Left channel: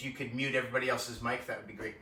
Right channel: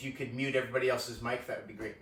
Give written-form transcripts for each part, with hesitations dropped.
If you could mute everybody else's mic, that would be great.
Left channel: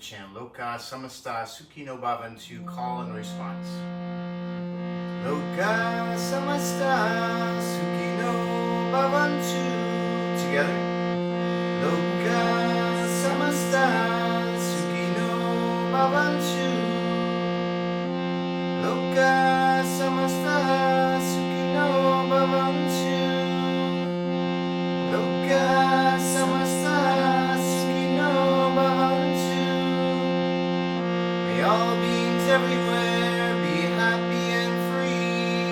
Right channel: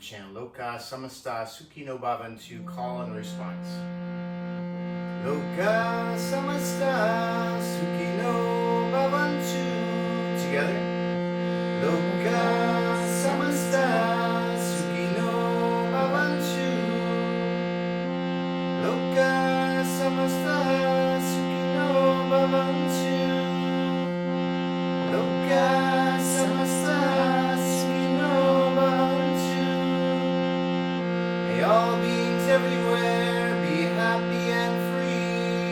Chant Loka Samasta Sukhino Bhavantu, call and response. Loka Samasta Sukhino Bhavantu. Together. Loka Samasta Sukhino Bhavantu. Loka Samasta Sukhino Bhavantu. Loka Samasta Sukhino Bhavantu. May all beings everywhere be happy and free.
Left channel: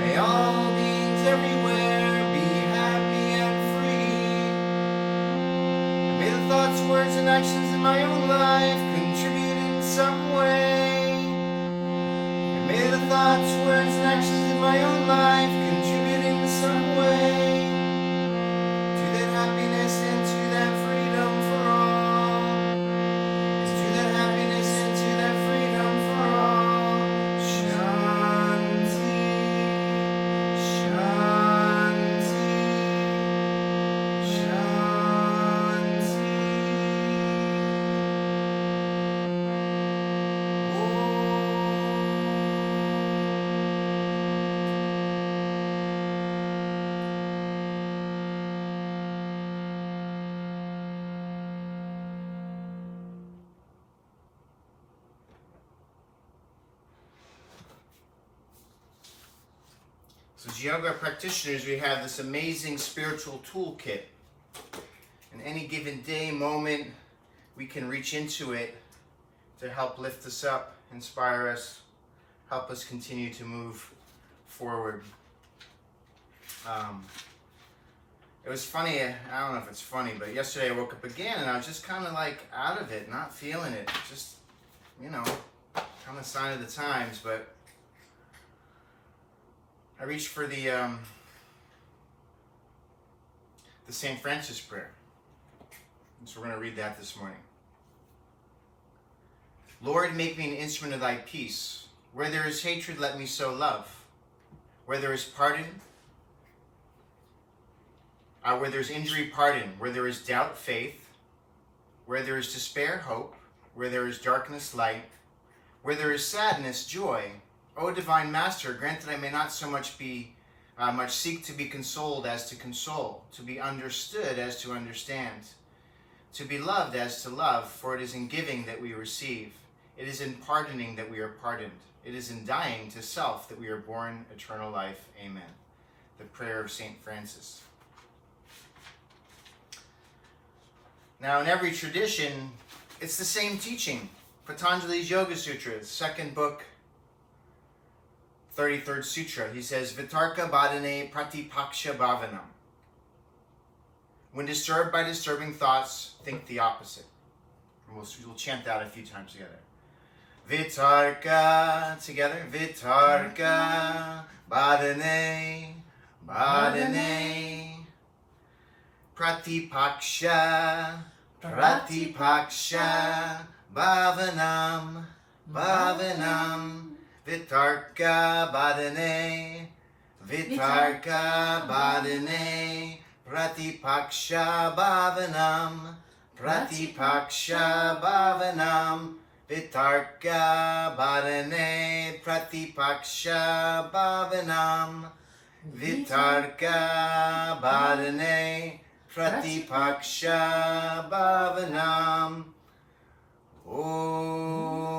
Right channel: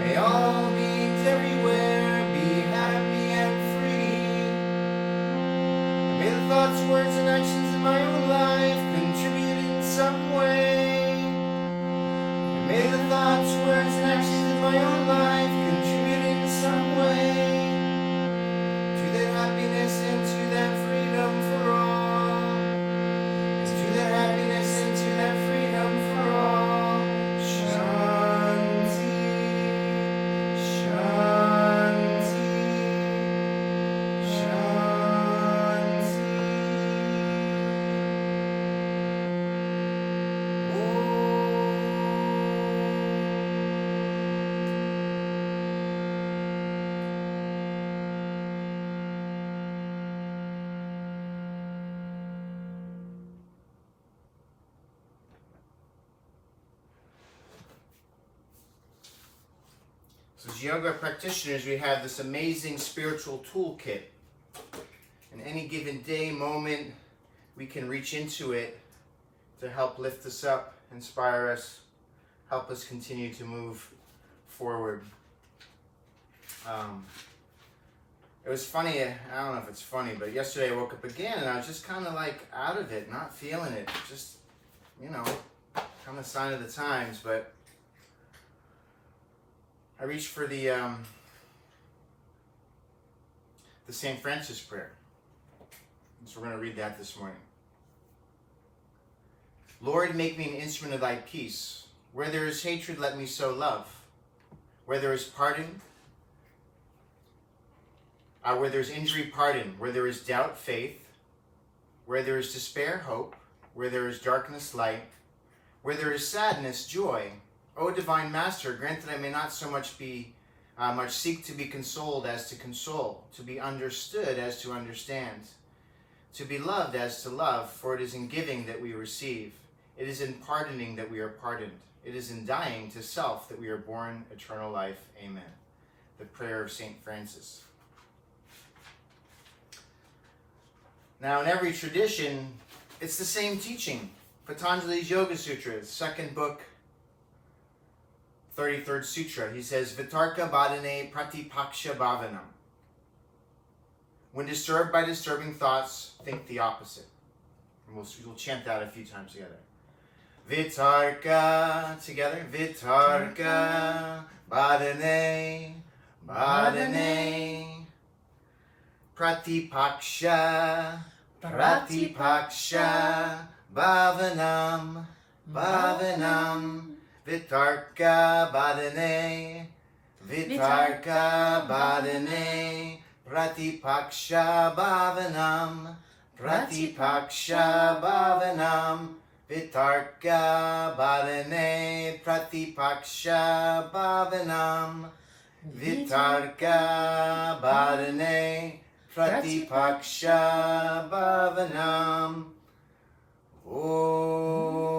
May all beings everywhere be happy and free. And may the thoughts, words, and actions in my own life contribute in some way. And may the thoughts, words, and actions in my own life contribute in some way to that happiness and to that freedom for all. To that happiness and to that freedom for all. Shanti, Shanti, Shanti. So as yoga practitioners, we have this amazing spiritual toolkit. In any given day, moment, we can reach into it to help lift us up, inspire us, help us continue to move forward. It was funny, I don't know if it's funny, but yesterday I woke up again and I was just kind of like out of it, not feeling it. Just, kind of sign of the times, but I reached for the St. Francis prayer. So we're going to read that this morning. Lord, make me an instrument of thy peace. Where there is hatred, let me sow love. Where there is pardon, where there is injury, pardon. Where there is doubt, faith. Where there is despair, hope. Where there is darkness, light. Where there is sadness, joy. O Divine Master, grant that I may not so much seek to be consoled as to console, to be understood as to understand, to be loved as to love, for it is in giving that we receive. It is in pardoning that we are pardoned. It is in dying to self that we are born eternal life. Amen. The prayer of St. Francis. Now, in every tradition, it's the same teaching. Patanjali's Yoga Sutra, second book, 33rd Sutra. He says, Vitarka Badane Pratipaksha Bhavanam. When disturbed by disturbing thoughts, think the opposite. And we'll chant that a few times together. Vitarka, together. Vitarka Badane, Badane. Pratipaksha, Pratipaksha Bhavanam, Bhavanam. Vitarka Badane, Vitarka Badane, Pratipaksha Bhavanam, Pratipaksha Bhavanam, Vitarka Badane, Pratipaksha Bhavanam, Vitarka Bharane Pratipaksha Bhavanam. Om.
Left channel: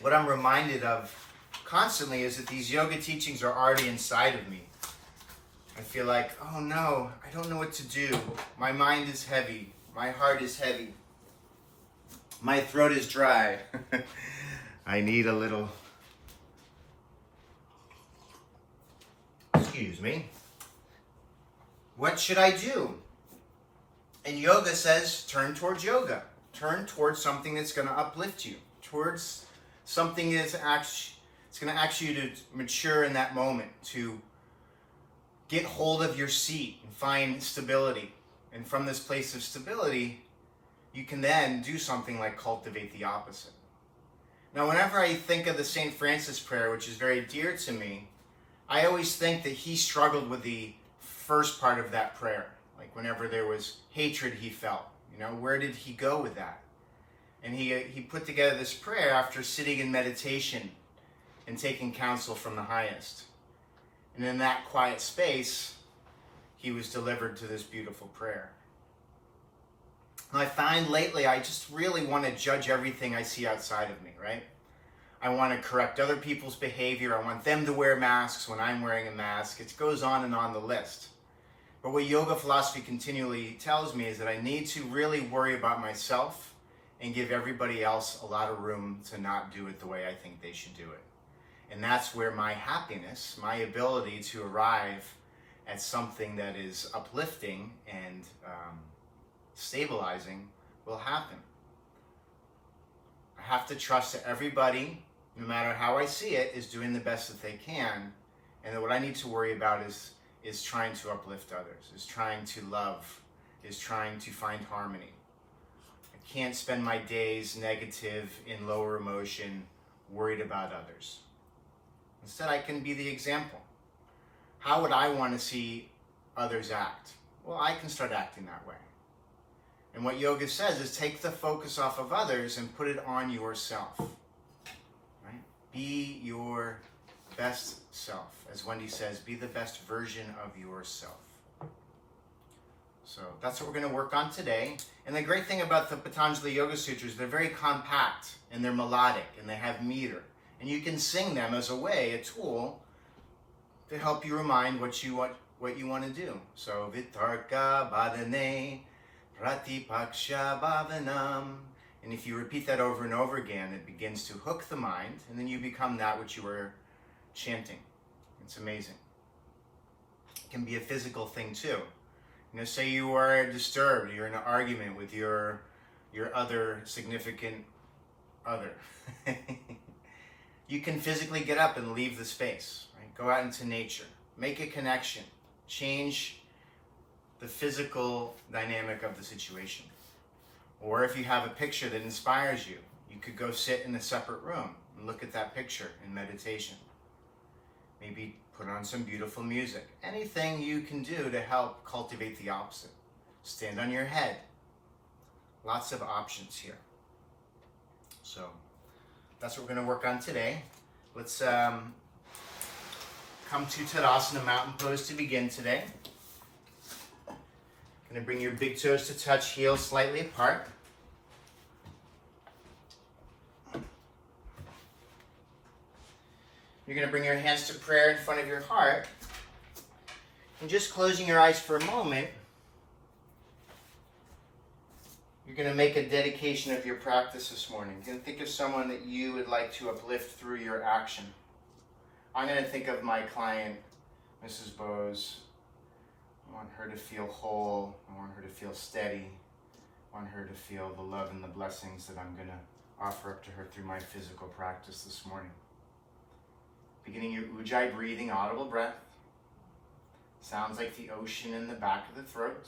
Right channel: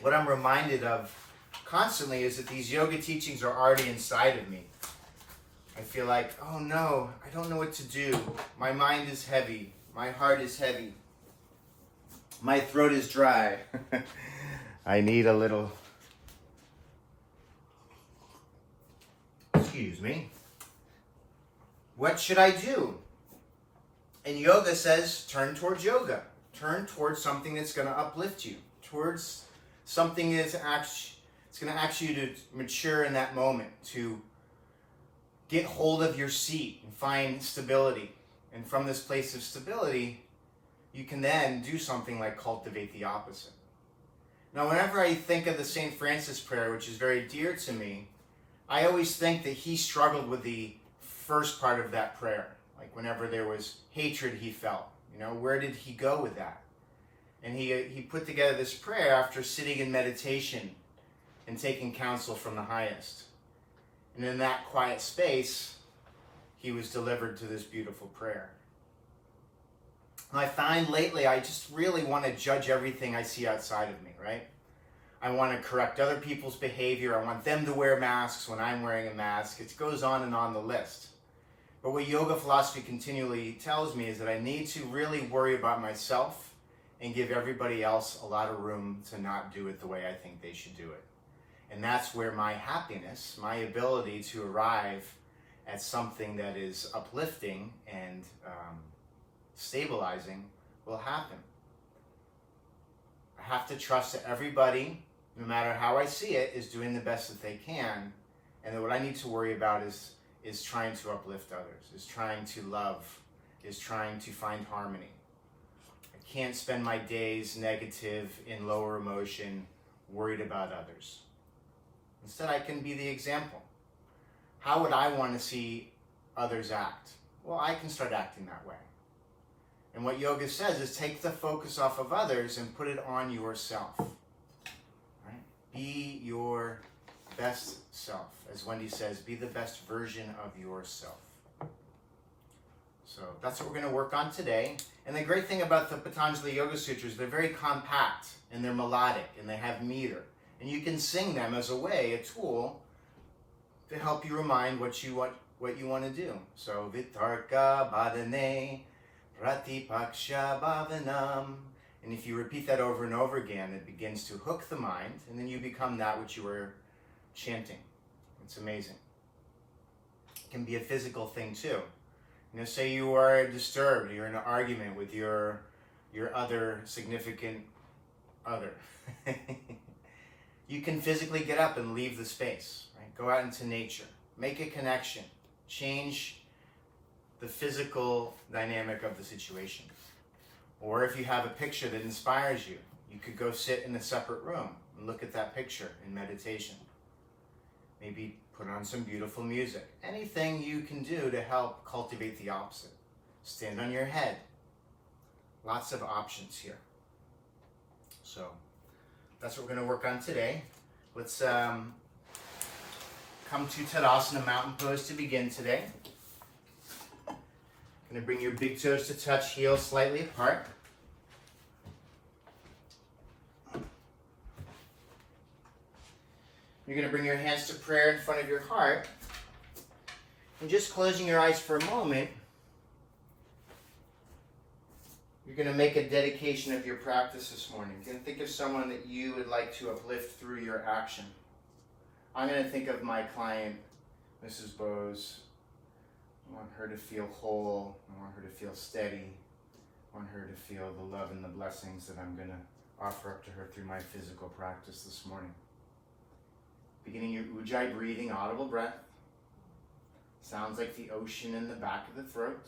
What I'm reminded of constantly is that these yoga teachings are already inside of me. I feel like, oh no, I don't know what to do. My mind is heavy. My heart is heavy. My throat is dry. I need a little... Excuse me. What should I do? And yoga says, turn towards yoga. Turn towards something that's going to uplift you. Towards something that's it's going to ask you to mature in that moment, to get hold of your seat and find stability. And from this place of stability, you can then do something like cultivate the opposite. Now, whenever I think of the St. Francis prayer, which is very dear to me, I always think that he struggled with the first part of that prayer. Like whenever there was hatred he felt, where did he go with that? And he put together this prayer after sitting in meditation and taking counsel from the highest. And in that quiet space, he was delivered to this beautiful prayer. And I find lately I just really want to judge everything I see outside of me, right? I want to correct other people's behavior. I want them to wear masks when I'm wearing a mask. It goes on the list. But what yoga philosophy continually tells me is that I need to really worry about myself and give everybody else a lot of room to not do it the way I think they should do it. And that's where my happiness, my ability to arrive at something that is uplifting and stabilizing will happen. I have to trust that everybody, no matter how I see it, is doing the best that they can, and that what I need to worry about is trying to uplift others, is trying to love, is trying to find harmony. I can't spend my days negative, in lower emotion, worried about others. Instead, I can be the example. How would I want to see others act? Well, I can start acting that way. And what yoga says is take the focus off of others and put it on yourself. Right? Be your best self. As Wendy says, be the best version of yourself. So that's what we're going to work on today. And the great thing about the Patanjali Yoga Sutras, they're very compact and they're melodic and they have meter. And you can sing them as a tool to help you remind what you want to do. So Vitarka Bhadane Pratipaksha Bhavanam. And if you repeat that over and over again, it begins to hook the mind, and then you become that which you were chanting. It's amazing. It can be a physical thing too. Say you are disturbed, you're in an argument with your other significant other. You can physically get up and leave the space, right? Go out into nature, make a connection, change the physical dynamic of the situation. Or if you have a picture that inspires you, you could go sit in a separate room and look at that picture in meditation. Maybe put on some beautiful music. Anything you can do to help cultivate the opposite. Stand on your head. Lots of options here. So that's what we're going to work on today. Let's come to Tadasana Mountain Pose to begin today. Going to bring your big toes to touch, heels slightly apart. You're going to bring your hands to prayer in front of your heart. And just closing your eyes for a moment, you're going to make a dedication of your practice this morning. You're going to think of someone that you would like to uplift through your action. I'm going to think of my client, Mrs. Bose. I want her to feel whole. I want her to feel steady. I want her to feel the love and the blessings that I'm going to offer up to her through my physical practice this morning. Beginning your Ujjayi breathing, audible breath. Sounds like the ocean in the back of the throat.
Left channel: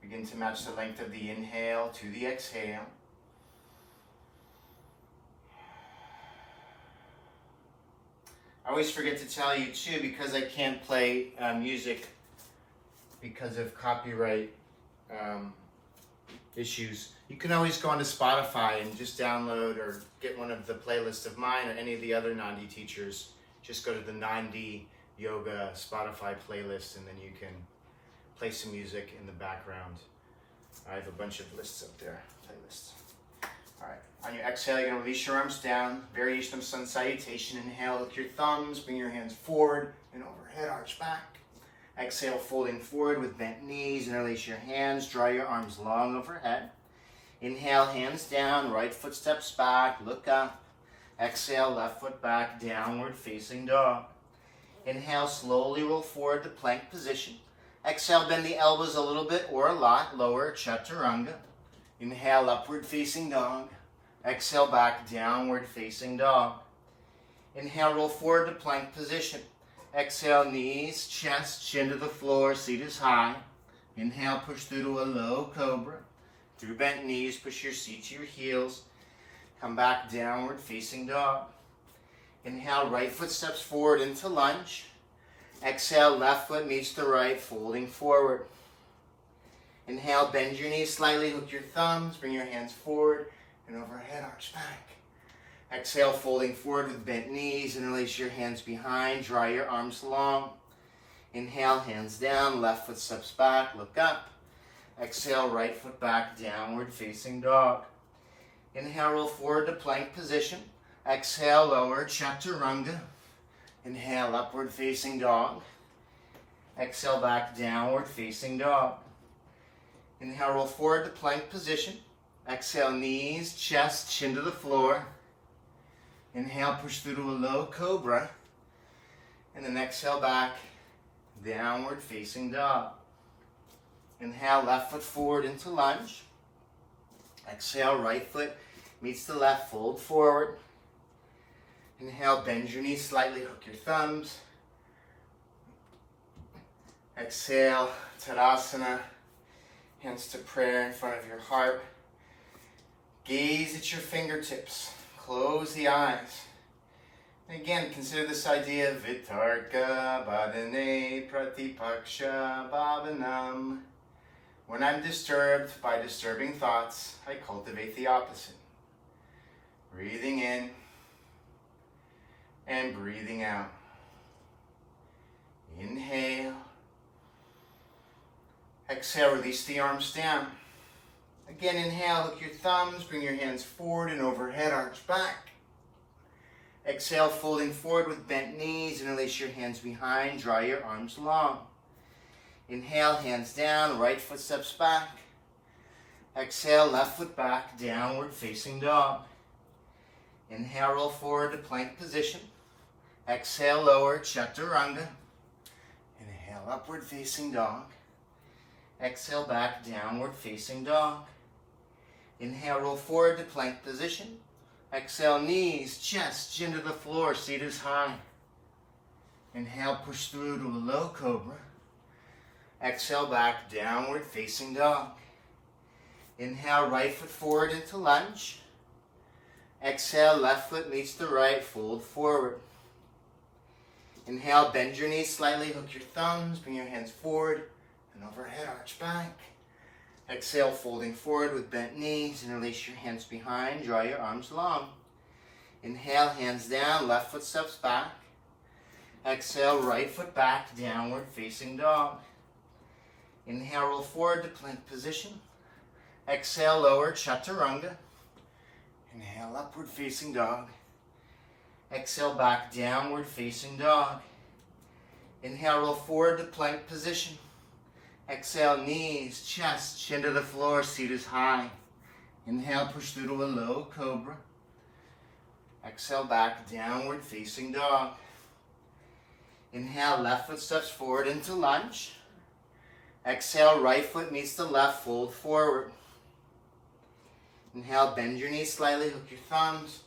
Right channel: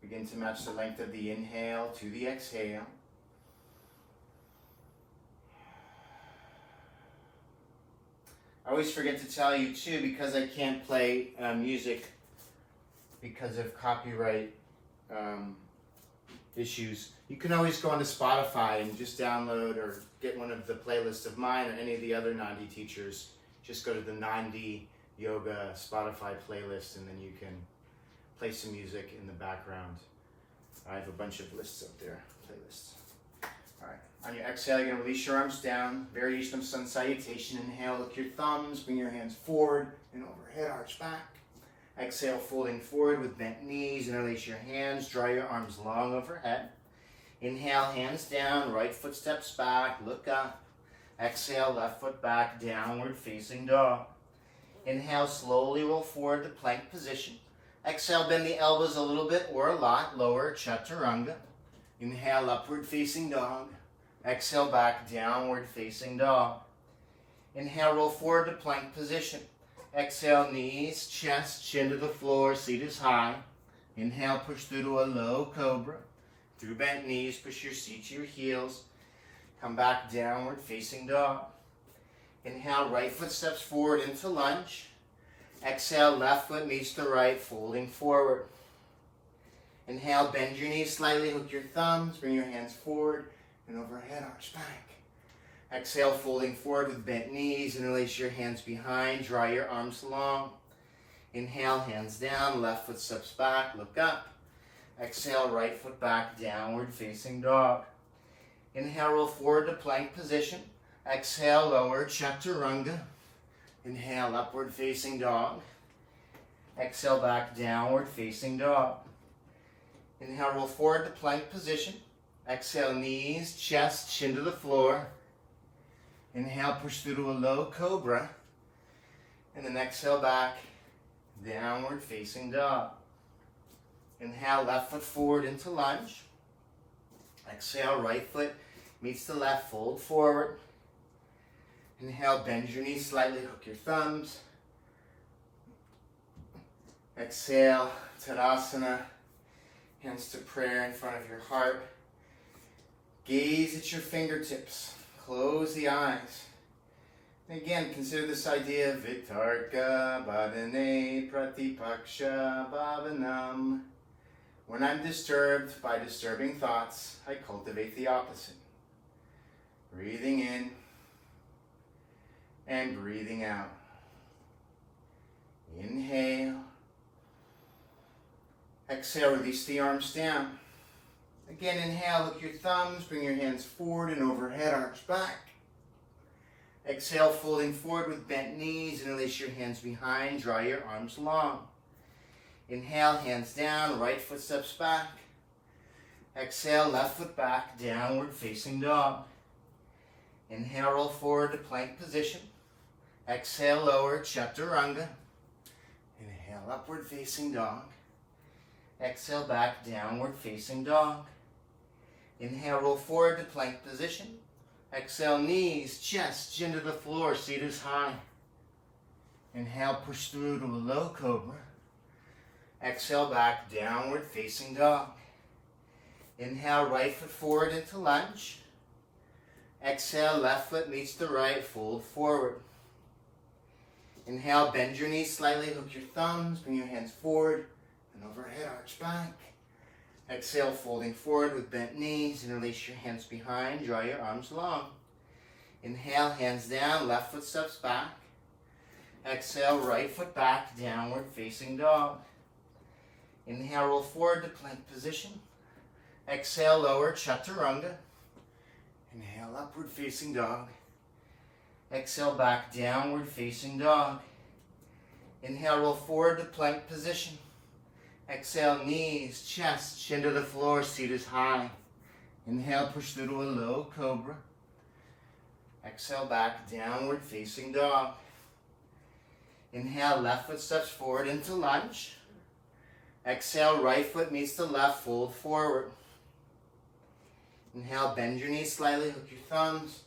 Begin to match the length of the inhale to the exhale. I always forget to tell you too, because I can't play music because of copyright issues, you can always go onto Spotify and just download or get one of the playlists of mine or any of the other 9D teachers. Just go to the 9D Yoga Spotify playlist and then you can play some music in the background. I have a bunch of lists up there, playlists. All right, on your exhale, you're gonna release your arms down. Variation of sun salutation. Inhale, look your thumbs, bring your hands forward and overhead, arch back. Exhale, folding forward with bent knees and release your hands. Draw your arms long overhead. Inhale, hands down, right foot steps back, look up. Exhale, left foot back, downward facing dog. Inhale, slowly roll forward to plank position. Exhale, bend the elbows a little bit or a lot, lower, chaturanga. Inhale, upward facing dog. Exhale, back, downward facing dog. Inhale, roll forward to plank position. Exhale, knees, chest, chin to the floor, seat is high. Inhale, push through to a low cobra. Through bent knees, push your seat to your heels. Come back, downward facing dog. Inhale, right foot steps forward into lunge. Exhale, left foot meets the right, folding forward. Inhale, bend your knees slightly, hook your thumbs, bring your hands forward and overhead, arch back. Exhale, folding forward with bent knees and release your hands behind, draw your arms long. Inhale, hands down, left foot steps back, look up. Exhale, right foot back, downward facing dog. Inhale, roll forward to plank position. Exhale, lower, chaturanga. Inhale, upward facing dog. Exhale, back, downward facing dog. Inhale, roll forward to plank position. Exhale, knees, chest, chin to the floor. Inhale, push through to a low cobra. And then exhale back, downward facing dog. Inhale, left foot forward into lunge. Exhale, right foot meets the left, fold forward. Inhale, bend your knees slightly, hook your thumbs. Exhale, Tadasana, hands to prayer in front of your heart. Gaze at your fingertips, close the eyes. And again, consider this idea of Vitarka Badane Pratipaksha Bhavanam. When I'm disturbed by disturbing thoughts, I cultivate the opposite. Breathing in and breathing out. Inhale. Exhale, release the arms down. Again, inhale, hook your thumbs, bring your hands forward and overhead, arch back. Exhale, folding forward with bent knees and release your hands behind, draw your arms long. Inhale, hands down, right foot steps back. Exhale, left foot back, downward facing dog. Inhale, roll forward to plank position. Exhale, lower, chaturanga. Inhale, upward facing dog. Exhale, back, downward facing dog. Inhale, roll forward to plank position. Exhale, knees, chest, chin to the floor, seat is high. Inhale, push through to a low cobra. Exhale, back, downward facing dog. Inhale, right foot forward into lunge. Exhale, left foot meets the right, fold forward. Inhale, bend your knees slightly, hook your thumbs, bring your hands forward and overhead, arch back. Exhale, folding forward with bent knees and release your hands behind, draw your arms long. Inhale, hands down, left foot steps back. Exhale, right foot back, downward facing dog. Inhale, roll forward to plank position. Exhale, lower, chaturanga. Inhale, upward facing dog. Exhale, back, downward facing dog. Inhale, roll forward to plank position. Exhale, knees, chest, chin to the floor, seat is high. Inhale, push through to a low cobra. Exhale, back, downward facing dog. Inhale, left foot steps forward into lunge. Exhale, right foot meets the left, fold forward. Inhale, bend your knees slightly, hook your thumbs.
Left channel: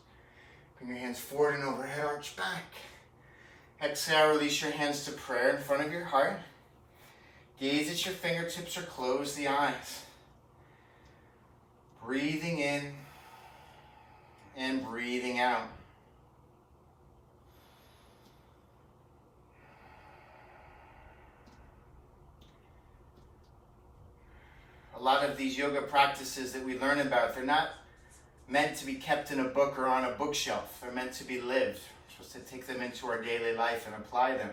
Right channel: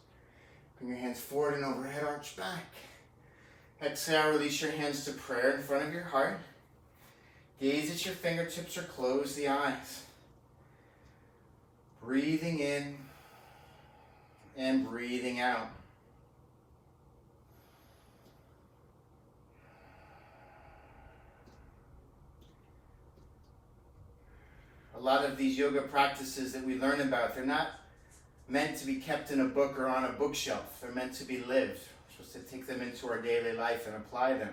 Bring your hands forward and overhead, arch back. Exhale, release your hands to prayer in front of your heart. Gaze at your fingertips or close the eyes. Breathing in and breathing out. lot of these yoga practices that we learn about, they're not meant to be kept in a book or on a bookshelf. They're meant to be lived. We're supposed to take them into our daily life and apply them.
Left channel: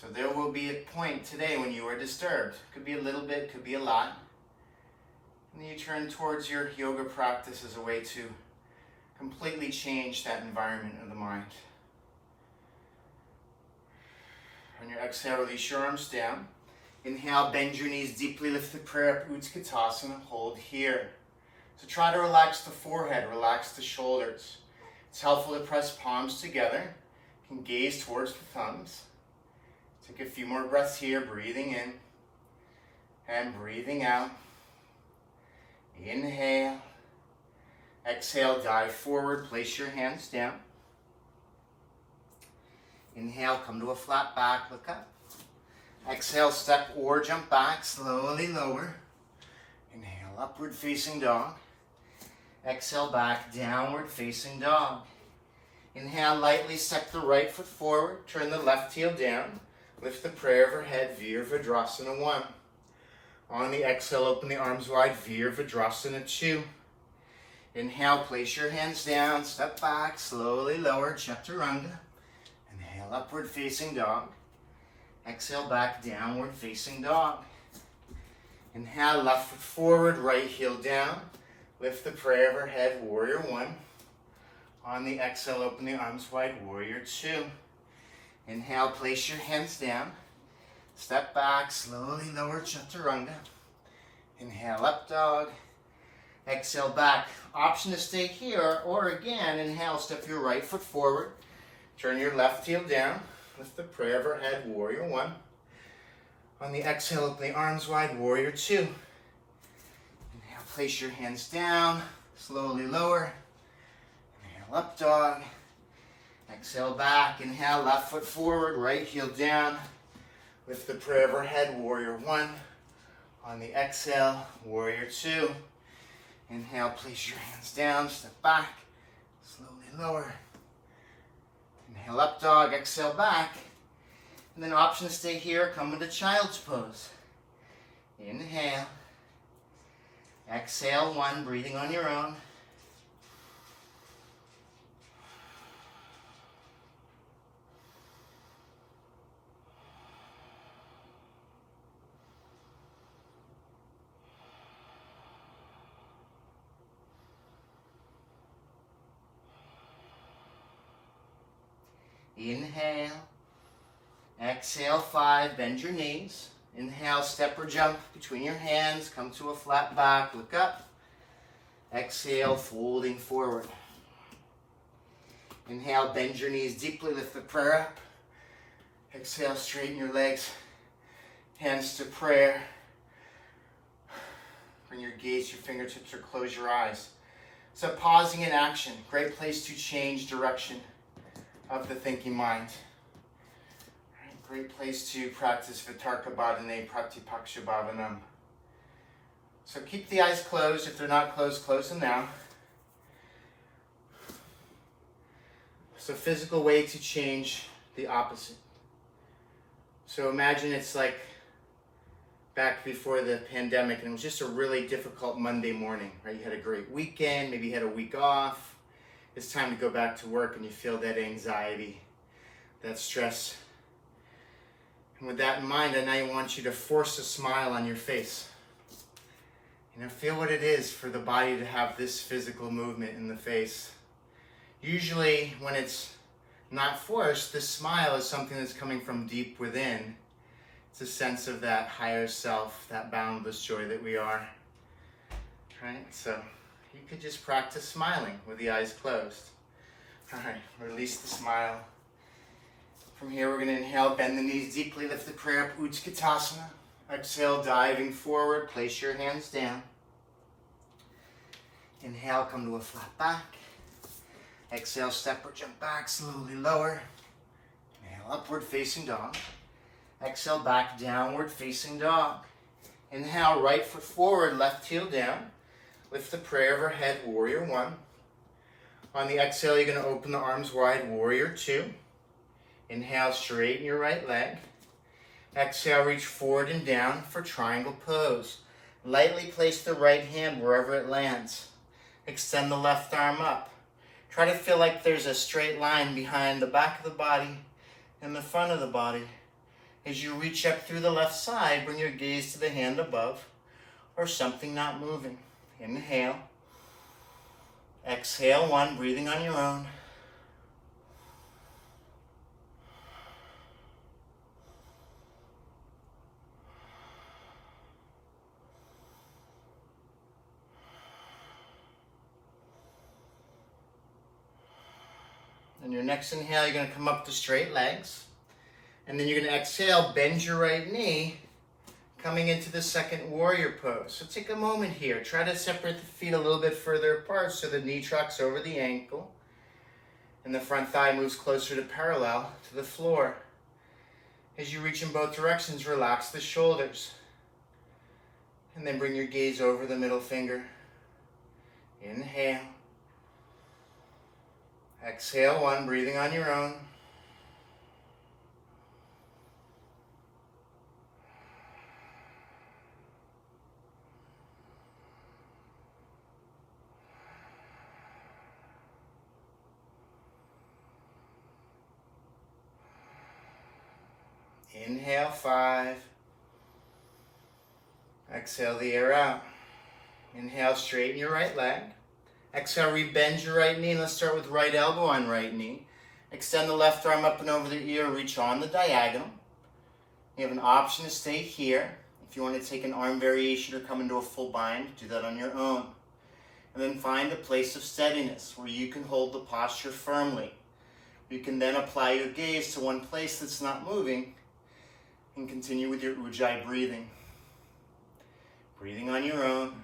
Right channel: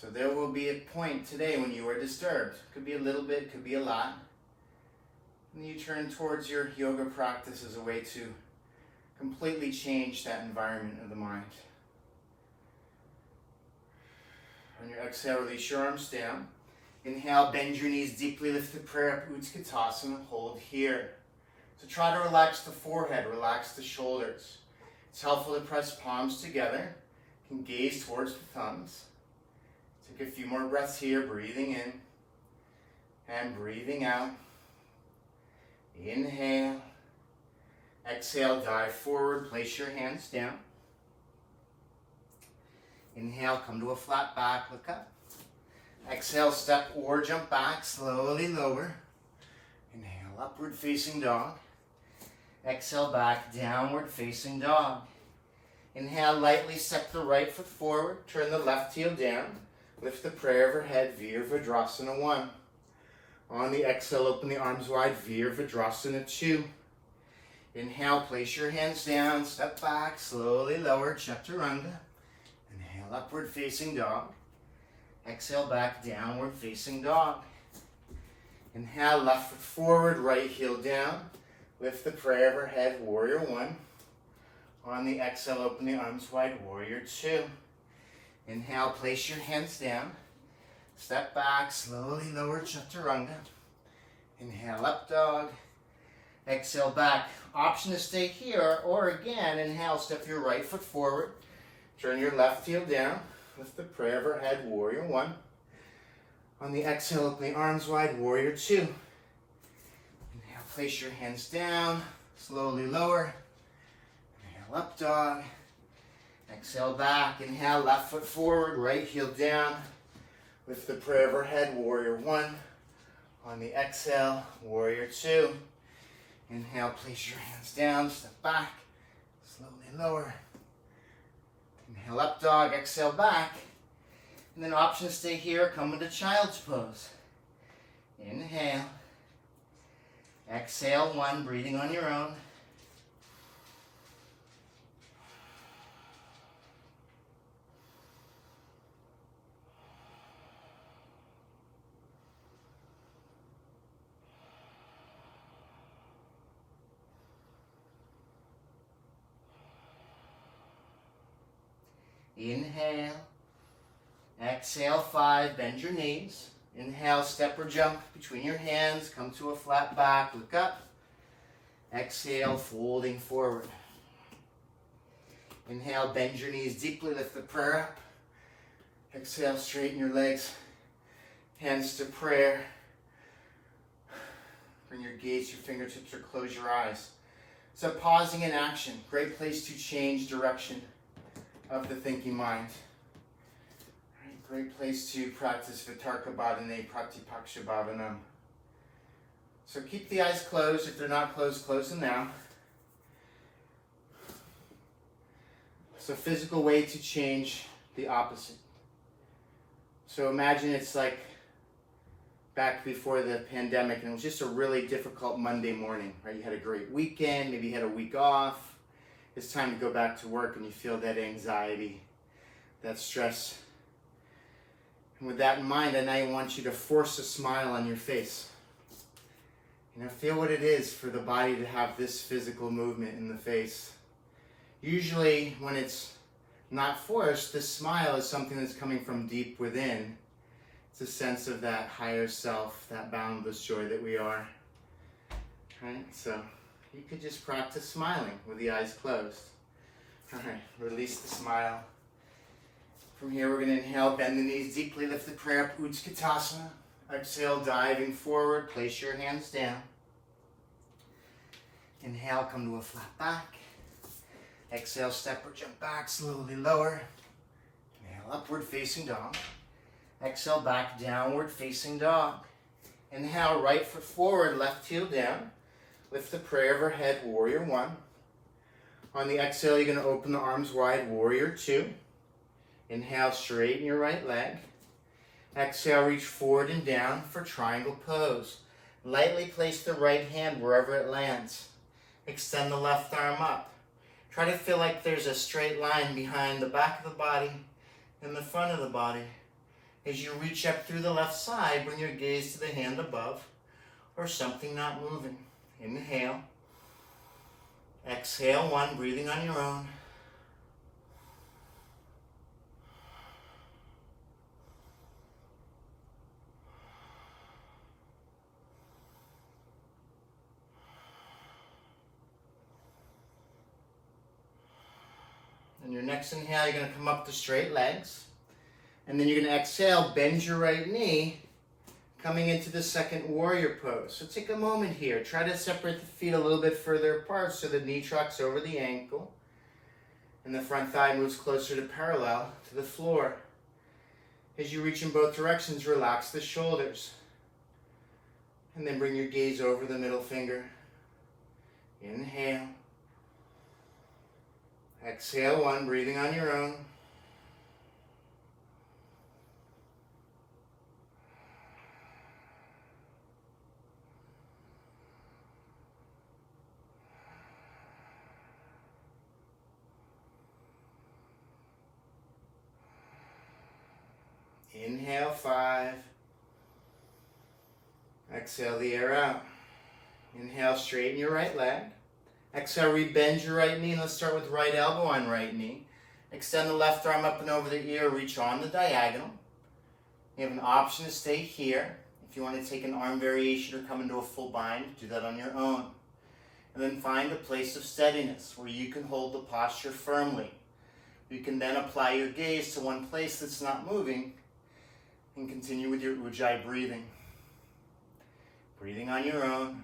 So there will be a point today when you are disturbed. Could be a little bit, could be a lot. And then you turn towards your yoga practice as a way to completely change that environment of the mind. On your exhale, release your arms down. Inhale, bend your knees deeply, lift the prayer up, Utkatasana, hold here. So try to relax the forehead, relax the shoulders. It's helpful to press palms together. You can gaze towards the thumbs. Take a few more breaths here, breathing in and breathing out. Inhale. Exhale, dive forward, place your hands down. Inhale, come to a flat back, look up. Exhale, step or jump back, slowly lower. Inhale, upward facing dog. Exhale, back, downward facing dog. Inhale, lightly step the right foot forward, turn the left heel down. Lift the prayer overhead, Virabhadrasana 1. On the exhale, open the arms wide, Virabhadrasana 2. Inhale, place your hands down, step back, slowly lower, Chaturanga. Inhale, upward facing dog. Exhale, back, downward facing dog. Inhale, left foot forward, right heel down. Lift the prayer overhead, Warrior 1. On the exhale, open the arms wide, Warrior 2. Inhale, place your hands down. Step back, slowly lower, Chaturanga. Inhale, up dog. Exhale, back. Option to stay here, or again, inhale, step your right foot forward. Turn your left heel down. Lift the prayer overhead, Warrior 1. On the exhale, open the arms wide, Warrior 2. Inhale, place your hands down. Slowly lower. Inhale, up dog. Exhale, back. Inhale, left foot forward, right heel down. Lift the prayer overhead, Warrior 1. On the exhale, Warrior 2. Inhale, place your hands down, step back, slowly lower. Inhale, up dog, exhale, back. And then option to stay here, come into child's pose. Inhale. Exhale, 1, breathing on your own. Inhale. Exhale, 5, bend your knees. Inhale, step or jump between your hands, come to a flat back, look up. Exhale, folding forward. Inhale, bend your knees deeply, lift the prayer up. Exhale, straighten your legs, hands to prayer. Bring your gaze to your fingertips or close your eyes. So pausing in action, great place to change direction of the thinking mind. Great place to practice Vitarka Bhadane Pratipaksha Bhavanam. So keep the eyes closed. If they're not closed, close them now. So physical way to change the opposite. So imagine it's like back before the pandemic and it was just a really difficult Monday morning, right? You had a great weekend, maybe you had a week off. It's time to go back to work and you feel that anxiety, that stress. And with that in mind, I now want you to force a smile on your face. Feel what it is for the body to have this physical movement in the face. Usually when it's not forced, this smile is something that's coming from deep within. It's a sense of that higher self, that boundless joy that we are. Right? So you could just practice smiling with the eyes closed. All right, release the smile. From here, we're going to inhale, bend the knees deeply, lift the prayer up, Utkatasana. Exhale, diving forward, place your hands down. Inhale, come to a flat back. Exhale, step or jump back, slowly lower. Inhale, upward facing dog. Exhale, back, downward facing dog. Inhale, right foot forward, left heel down. Lift the prayer overhead, Warrior 1. On the exhale, you're going to open the arms wide, Warrior 2. Inhale, straighten your right leg. Exhale, reach forward and down for triangle pose. Lightly place the right hand wherever it lands. Extend the left arm up. Try to feel like there's a straight line behind the back of the body and the front of the body. As you reach up through the left side, bring your gaze to the hand above or something not moving. Inhale. Exhale, 1, breathing on your own. On your next inhale, you're going to come up to straight legs. And then you're going to exhale, bend your right knee, coming into the second warrior pose. So take a moment here. Try to separate the feet a little bit further apart so the knee tracks over the ankle. And the front thigh moves closer to parallel to the floor. As you reach in both directions, relax the shoulders. And then bring your gaze over the middle finger. Inhale. Exhale, 1, breathing on your own. Inhale, 5. Exhale the air out. Inhale, straighten your right leg. Exhale, rebend your right knee. Let's start with right elbow on right knee. Extend the left arm up and over the ear. Reach on the diagonal. You have an option to stay here. If you want to take an arm variation or come into a full bind, do that on your own. And then find a place of steadiness where you can hold the posture firmly. You can then apply your gaze to one place that's not moving and continue with your Ujjayi breathing. Breathing on your own.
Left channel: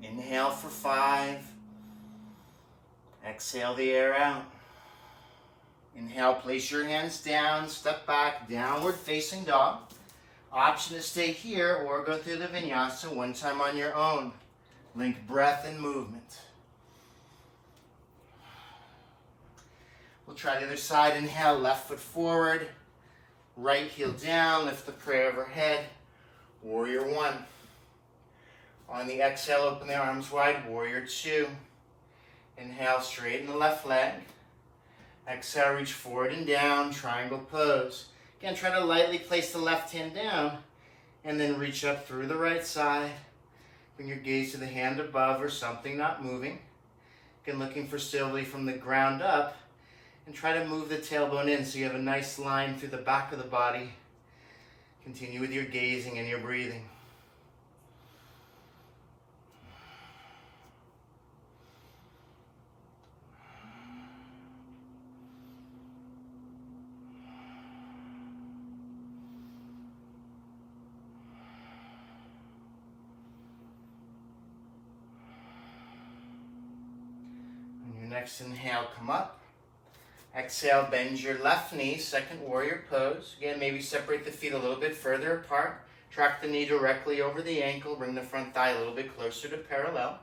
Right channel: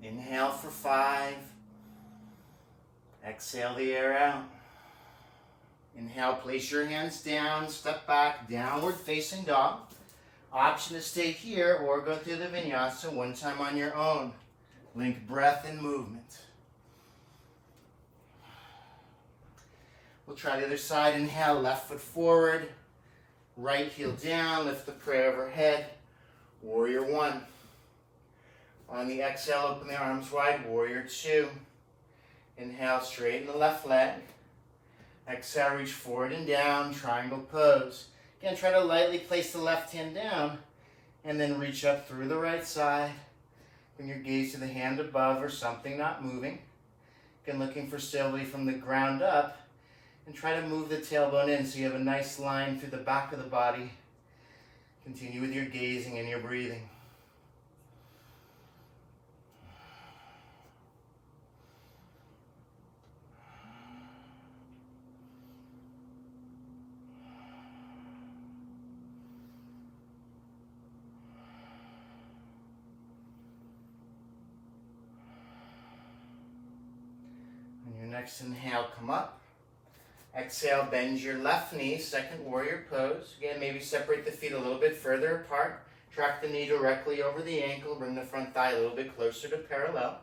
Inhale for 5. Exhale the air out. Inhale, place your hands down, step back, downward facing dog. Option to stay here or go through the vinyasa one time on your own. Link breath and movement. We'll try the other side. Inhale, left foot forward, right heel down, lift the prayer overhead. Warrior 1. On the exhale, open the arms wide, warrior 2. Inhale, straighten the left leg. Exhale, reach forward and down, triangle pose. Again, try to lightly place the left hand down and then reach up through the right side. Bring your gaze to the hand above or something not moving. Again, looking for stability from the ground up and try to move the tailbone in so you have a nice line through the back of the body. Continue with your gazing and your breathing. Next inhale, come up. Exhale, bend your left knee, second warrior pose. Again, maybe separate the feet a little bit further apart. Track the knee directly over the ankle. Bring the front thigh a little bit closer to parallel.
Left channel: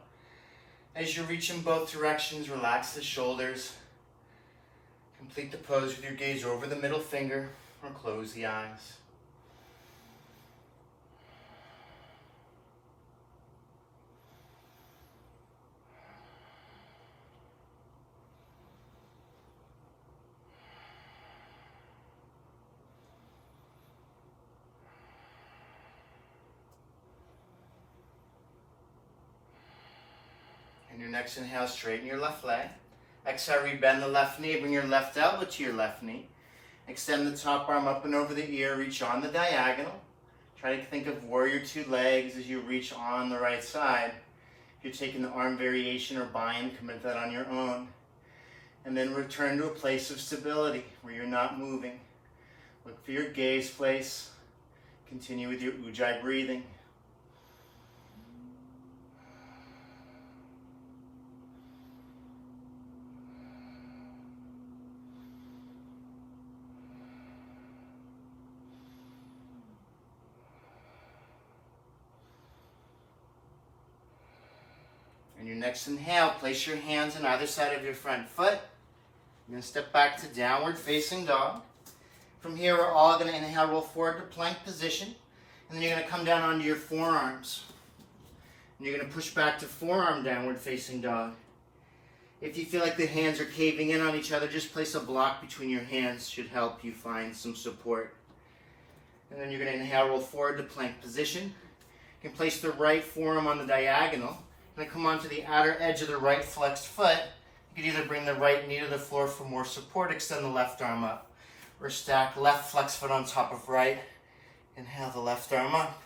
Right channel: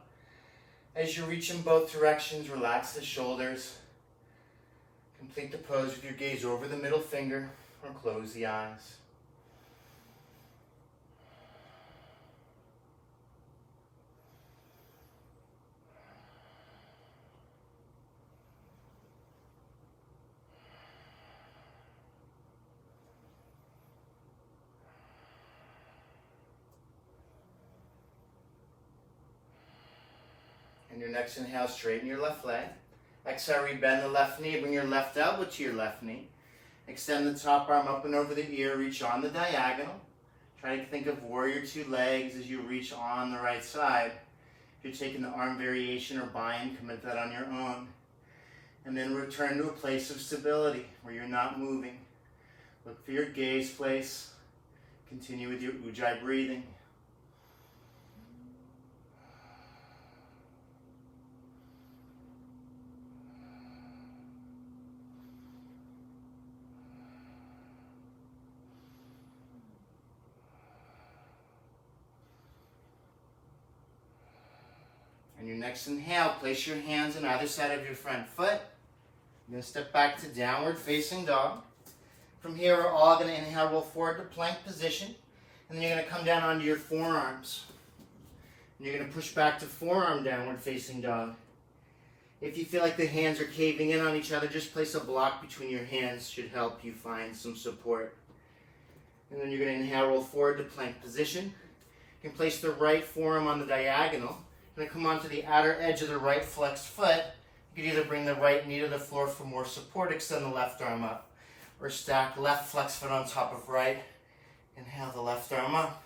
As you reach in both directions, relax the shoulders. Complete the pose with your gaze over the middle finger or close the eyes. And your next inhale, straighten your left leg. Exhale, rebend the left knee. Bring your left elbow to your left knee. Extend the top arm up and over the ear. Reach on the diagonal. Try to think of warrior 2 legs as you reach on the right side. If you're taking the arm variation or bind, commit that on your own. And then return to a place of stability where you're not moving. Look for your gaze place. Continue with your Ujjayi breathing. On your next inhale, place your hands on either side of your front foot. You're going to step back to downward facing dog. From here, we're all going to inhale, roll forward to plank position. And then you're going to come down onto your forearms. And you're going to push back to forearm downward facing dog. If you feel like the hands are caving in on each other, just place a block between your hands. Should help you find some support. And then you're going to inhale, roll forward to plank position. You can place the right forearm on the diagonal. You're going to come onto the outer edge of the right flexed foot. You can either bring the right knee to the floor for more support, extend the left arm up, or stack left flexed foot on top of right. Inhale the left arm up.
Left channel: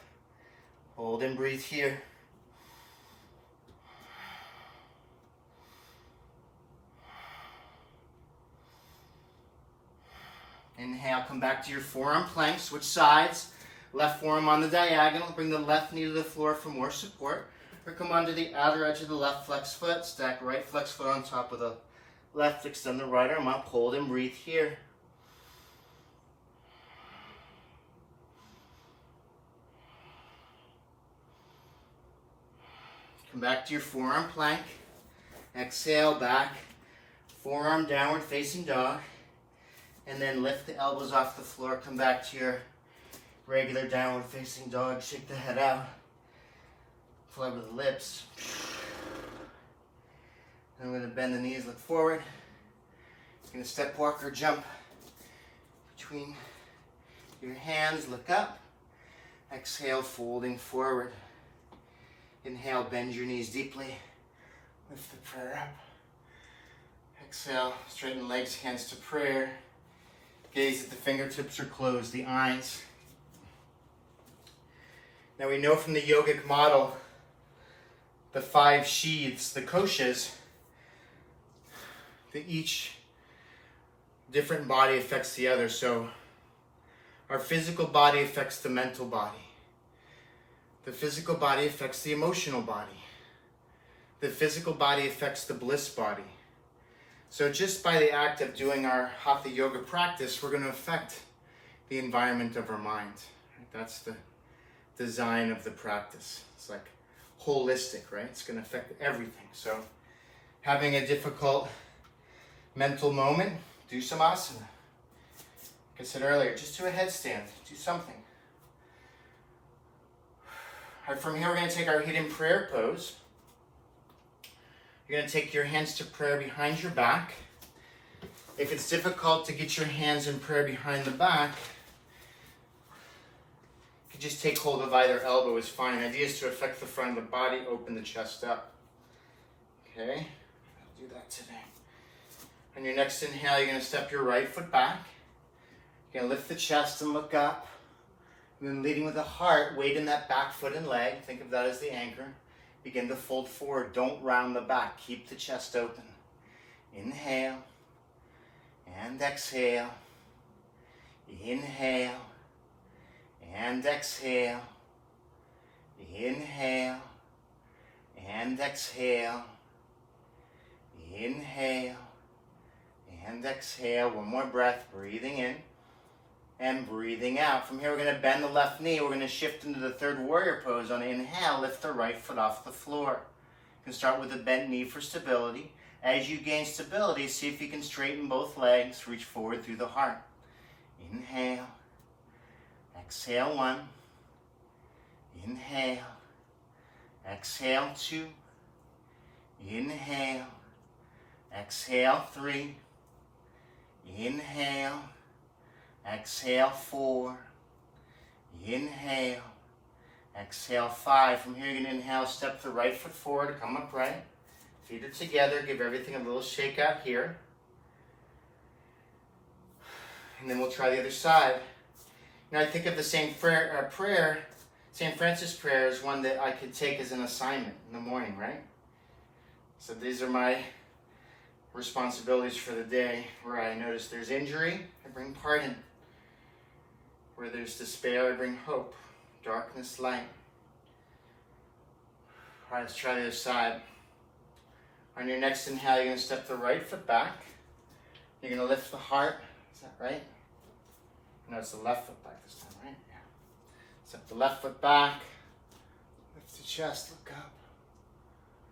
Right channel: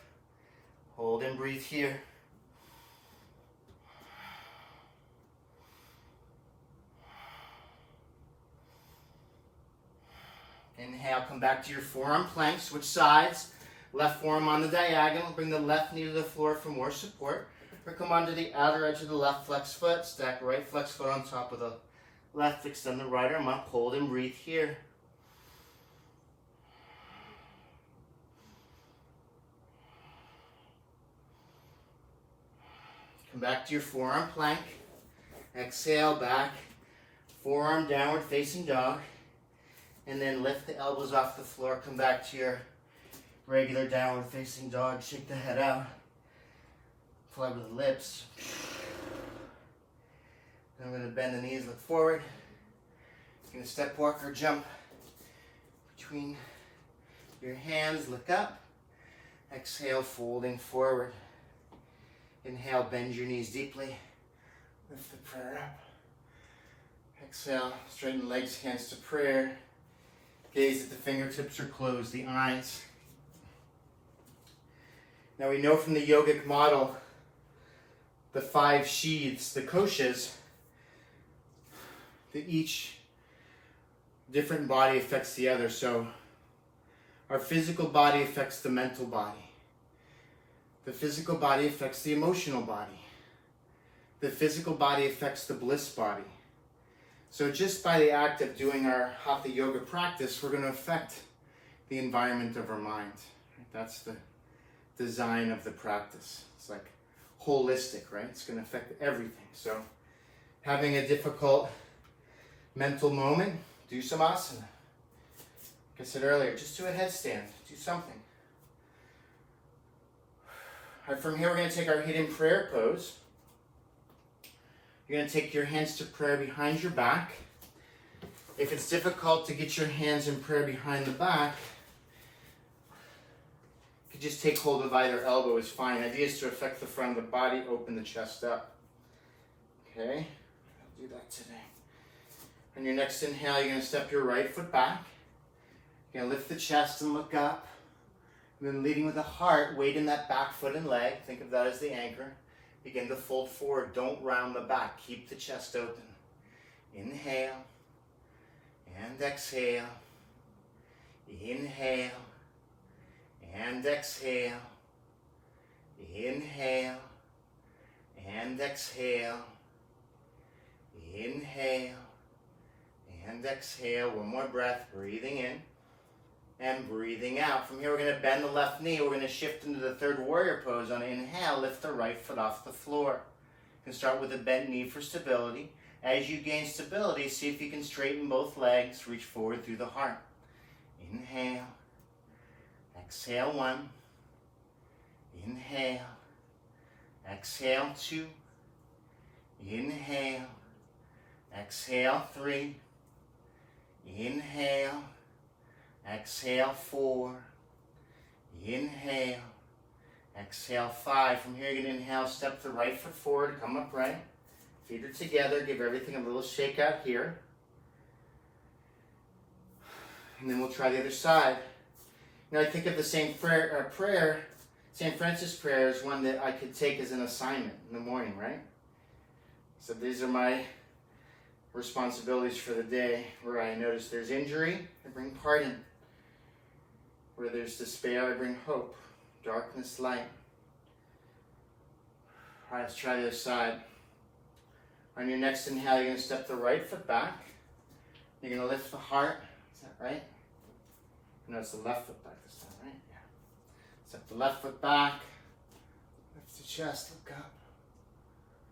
Hold and breathe here. Inhale, come back to your forearm plank, switch sides. Left forearm on the diagonal, bring the left knee to the floor for more support. Or come onto the outer edge of the left flex foot, stack right flex foot on top of the left, extend the right arm up, hold and breathe here. Come back to your forearm plank. Exhale back, forearm downward facing dog. And then lift the elbows off the floor, come back to your regular downward facing dog, shake the head out, fly with the lips. Then I'm going to bend the knees, look forward. You're going to step, walk, or jump between your hands, look up. Exhale, folding forward. Inhale, bend your knees deeply. Lift the prayer up. Exhale, straighten the legs, hands to prayer. Gaze at the fingertips or close the eyes. Now we know from the yogic model, the 5 sheaths, the koshas, that each different body affects the other. So our physical body affects the mental body. The physical body affects the emotional body. The physical body affects the bliss body. So just by the act of doing our hatha yoga practice, we're going to affect the environment of our mind. That's the design of the practice. It's like holistic, right? It's going to affect everything. So having a difficult mental moment, do some asana. Like I said earlier, just do a headstand, do something. All right, from here we're going to take our hidden prayer pose. You're going to take your hands to prayer behind your back. If it's difficult to get your hands in prayer behind the back, you can just take hold of either elbow is fine. The idea is to affect the front of the body, open the chest up. Okay, I'll do that today. On your next inhale, you're going to step your right foot back. You're going to lift the chest and look up. And then leading with the heart, weight in that back foot and leg. Think of that as the anchor. Begin to fold forward. Don't round the back. Keep the chest open. Inhale and exhale. Inhale and exhale. Inhale and exhale. Inhale and exhale. One more breath. Breathing in and breathing out. From here, we're going to bend the left knee. We're going to shift into the third warrior pose. On inhale, lift the right foot off the floor. You can start with a bent knee for stability. As you gain stability, see if you can straighten both legs. Reach forward through the heart. Inhale. Exhale 1. Inhale. Exhale 2. Inhale. Exhale 3. Inhale. Exhale 4. Inhale. Exhale 5. From here, you're going to inhale, step the right foot forward, come upright. Feet are together. Give everything a little shake out here. And then we'll try the other side. Now, I think of the same prayer, St. Francis prayer, as one that I could take as an assignment in the morning, right? So these are my responsibilities for the day. Where I notice there's injury, I bring pardon. Where there's despair, I bring hope. Darkness, light. All right, let's try the other side. On your next inhale, you're going to step the right foot back. You're going to lift the heart. Is that right? No, it's the left foot back this time, right? Yeah. Step the left foot back. Lift the chest, look up.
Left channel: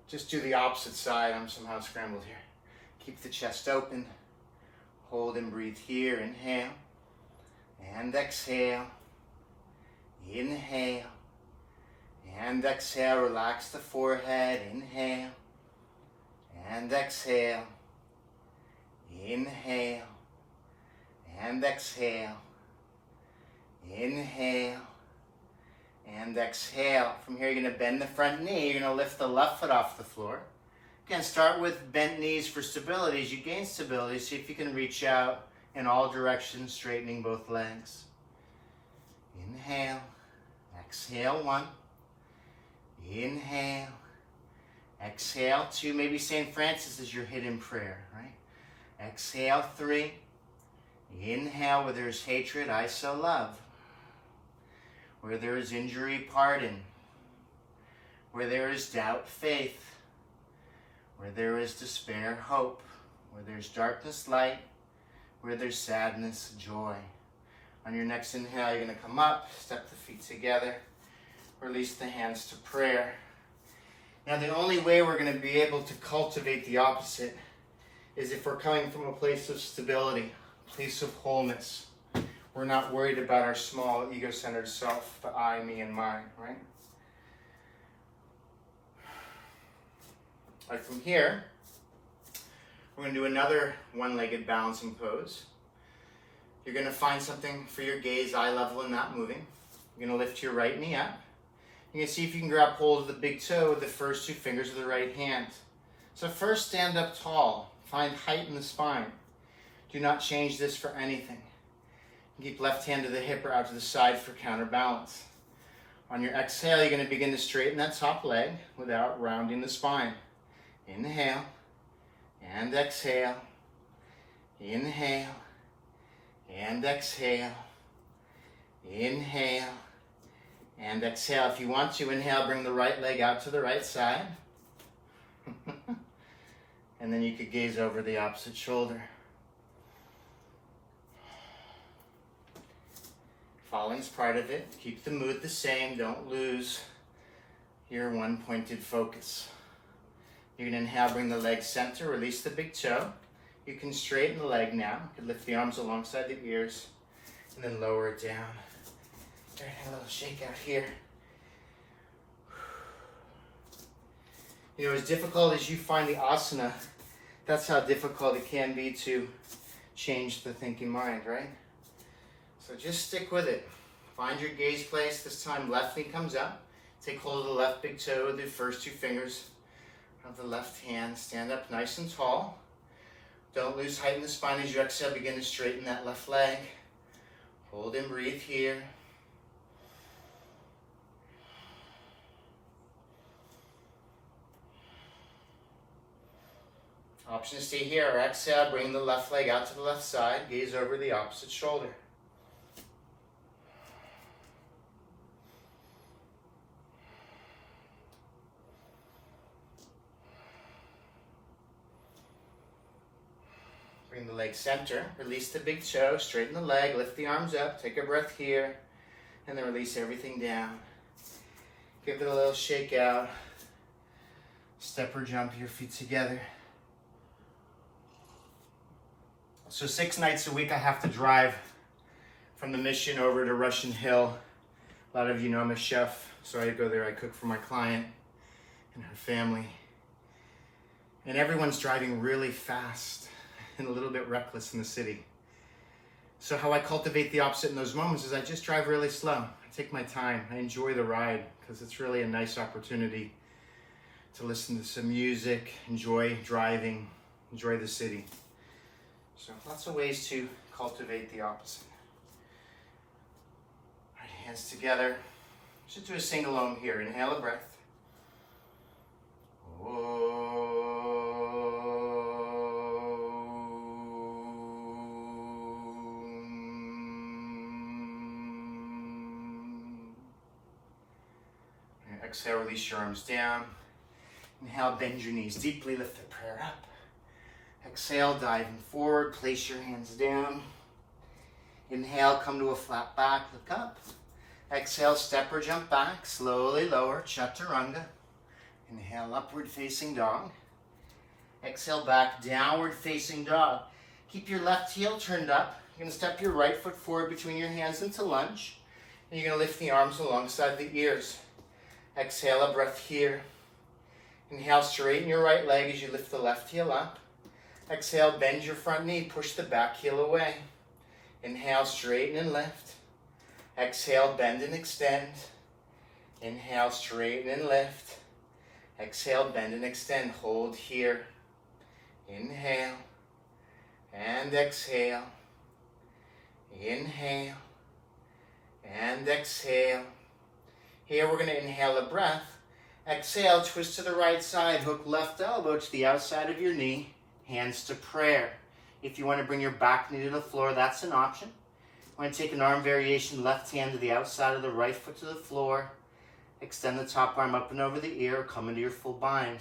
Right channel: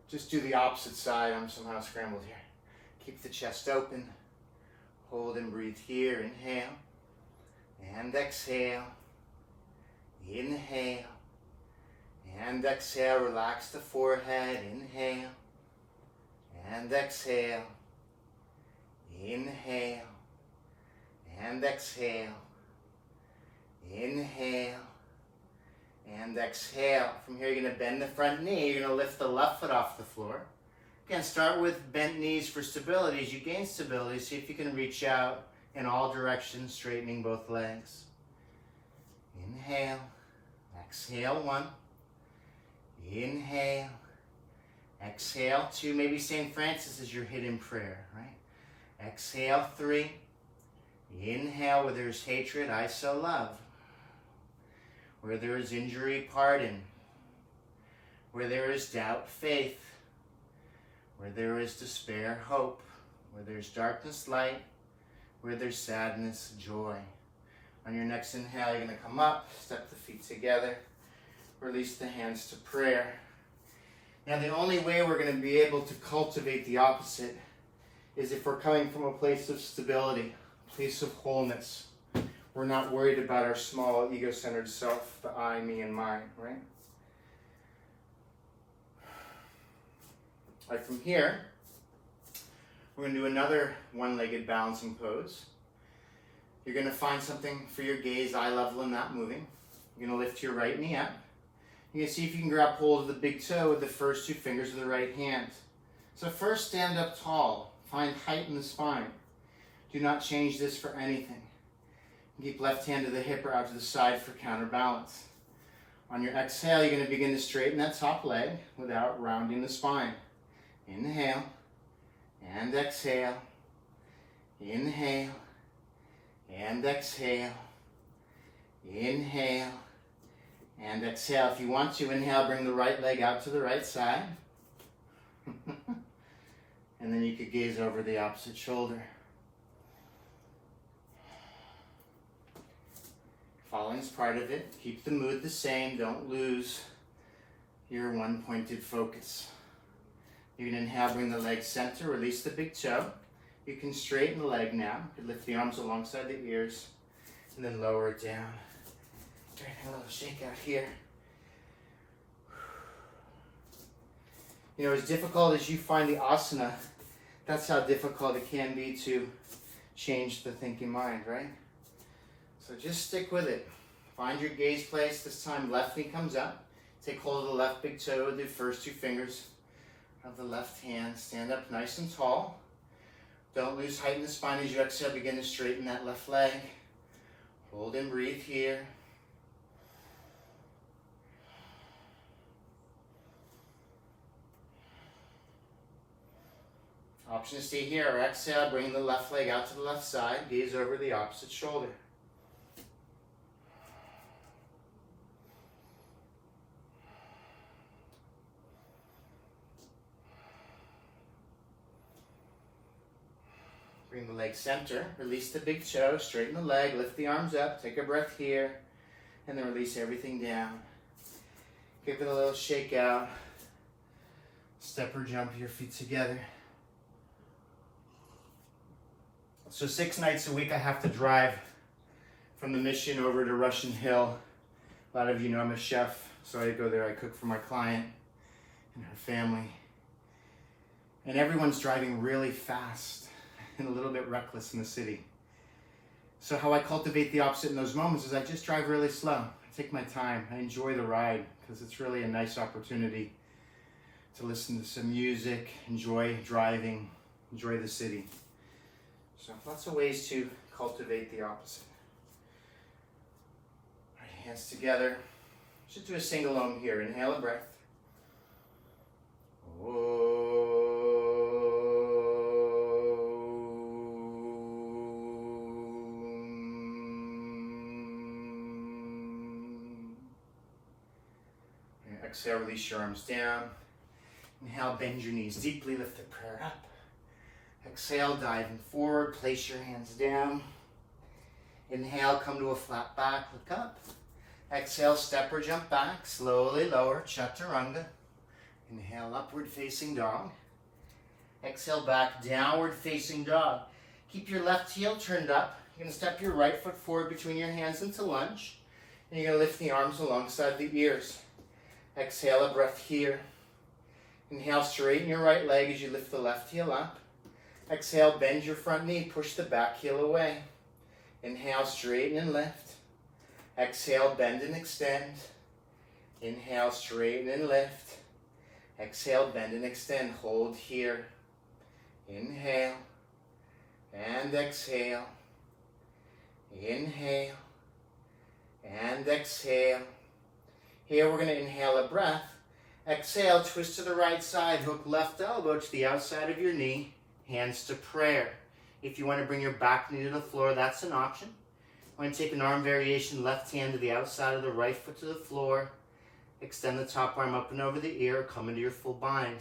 Just do the opposite side. I'm somehow scrambled here. Keep the chest open. Hold and breathe here. Inhale and exhale. Inhale and exhale. Relax the forehead. Inhale and exhale. Inhale and exhale. Inhale and exhale. From here, you're going to bend the front knee. You're going to lift the left foot off the floor. Again, start with bent knees for stability. As you gain stability, see if you can reach out in all directions, straightening both legs. Inhale. Exhale, 1. Inhale. Exhale, 2. Maybe St. Francis is your hidden prayer, right? Exhale, 3. Inhale, where there's hatred, I sow love. Where there is injury, pardon. Where there is doubt, faith. Where there is despair, hope. Where there's darkness, light. Where there's sadness, joy. On your next inhale, you're going to come up, step the feet together, release the hands to prayer. Now, the only way we're going to be able to cultivate the opposite is if we're coming from a place of stability, a place of wholeness. We're not worried about our small ego-centered self, the I, me, and mine, right? All right, from here, we're going to do another one-legged balancing pose. You're going to find something for your gaze, eye level, and not moving. You're going to lift your right knee up. You're going to see if you can grab hold of the big toe with the first 2 fingers of the right hand. So first, stand up tall. Find height in the spine. Do not change this for anything. Keep left hand to the hip or out to the side for counterbalance. On your exhale, you're going to begin to straighten that top leg without rounding the spine. Inhale and exhale. Inhale and exhale. Inhale and exhale. If you want to, inhale, bring the right leg out to the right side. And then you could gaze over the opposite shoulder. Following's part of it. Keep the mood the same. Don't lose your one-pointed focus. You're going to inhale, bring the leg center, release the big toe. You can straighten the leg now. You can lift the arms alongside the ears and then lower it down. All right, a little shake out here. You know, as difficult as you find the asana, that's how difficult it can be to change the thinking mind, right? So just stick with it. Find your gaze place. This time, left knee comes up. Take hold of the left big toe with the first 2 fingers of the left hand. Stand up nice and tall. Don't lose height in the spine as you exhale. Begin to straighten that left leg. Hold and breathe here. Option to stay here or exhale. Bring the left leg out to the left side. Gaze over the opposite shoulder. Bring the leg center, release the big toe, straighten the leg, lift the arms up, take a breath here, and then release everything down. Give it a little shake out. Step or jump your feet together. So 6 nights a week I have to drive from the Mission over to Russian Hill. A lot of you know I'm a chef, so I go there, I cook for my client and her family. And everyone's driving really fast and a little bit reckless in the city. So how I cultivate the opposite in those moments is I just drive really slow. I take my time. I enjoy the ride because it's really a nice opportunity to listen to some music, enjoy driving, enjoy the city. So lots of ways to cultivate the opposite. All right, hands together. Just do a sing-along here. Inhale a breath. Exhale, release your arms down. Inhale, bend your knees deeply, lift the prayer up. Exhale, diving forward, place your hands down. Inhale, come to a flat back, look up. Exhale, step or jump back, slowly lower, chaturanga. Inhale, upward facing dog. Exhale, back, downward facing dog. Keep your left heel turned up. You're going to step your right foot forward between your hands into lunge. And you're going to lift the arms alongside the ears. Exhale, a breath here. Inhale, straighten your right leg as you lift the left heel up. Exhale, bend your front knee, push the back heel away. Inhale, straighten and lift. Exhale, bend and extend. Inhale, straighten and lift. Exhale, bend and extend. Hold here. Inhale and exhale. Inhale and exhale. Here we're going to inhale a breath. Exhale, twist to the right side. Hook left elbow to the outside of your knee. Hands to prayer. If you want to bring your back knee to the floor, that's an option. We're going to take an arm variation, left hand to the outside of the right foot to the floor. Extend the top arm up and over the ear, come into your full bind.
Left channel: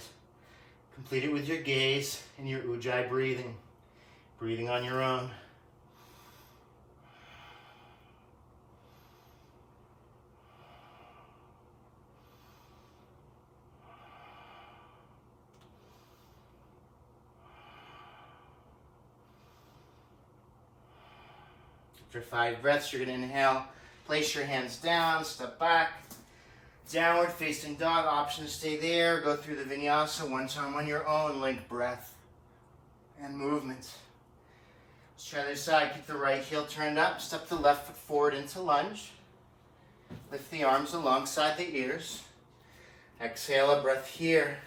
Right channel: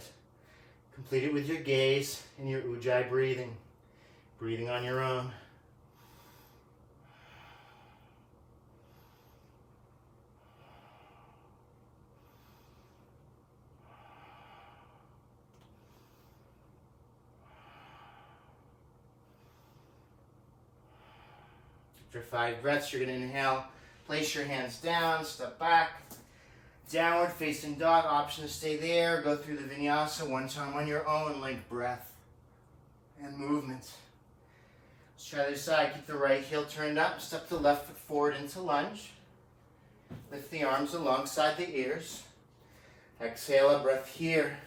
Complete it with your gaze and your ujjayi breathing. Breathing on your own. After 5 breaths, you're going to inhale, place your hands down, step back. Downward facing dog, option to stay there. Go through the vinyasa one time on your own, like breath and movement. Let's try the other side. Keep the right heel turned up. Step the left foot forward into lunge. Lift the arms alongside the ears. Exhale, a breath here.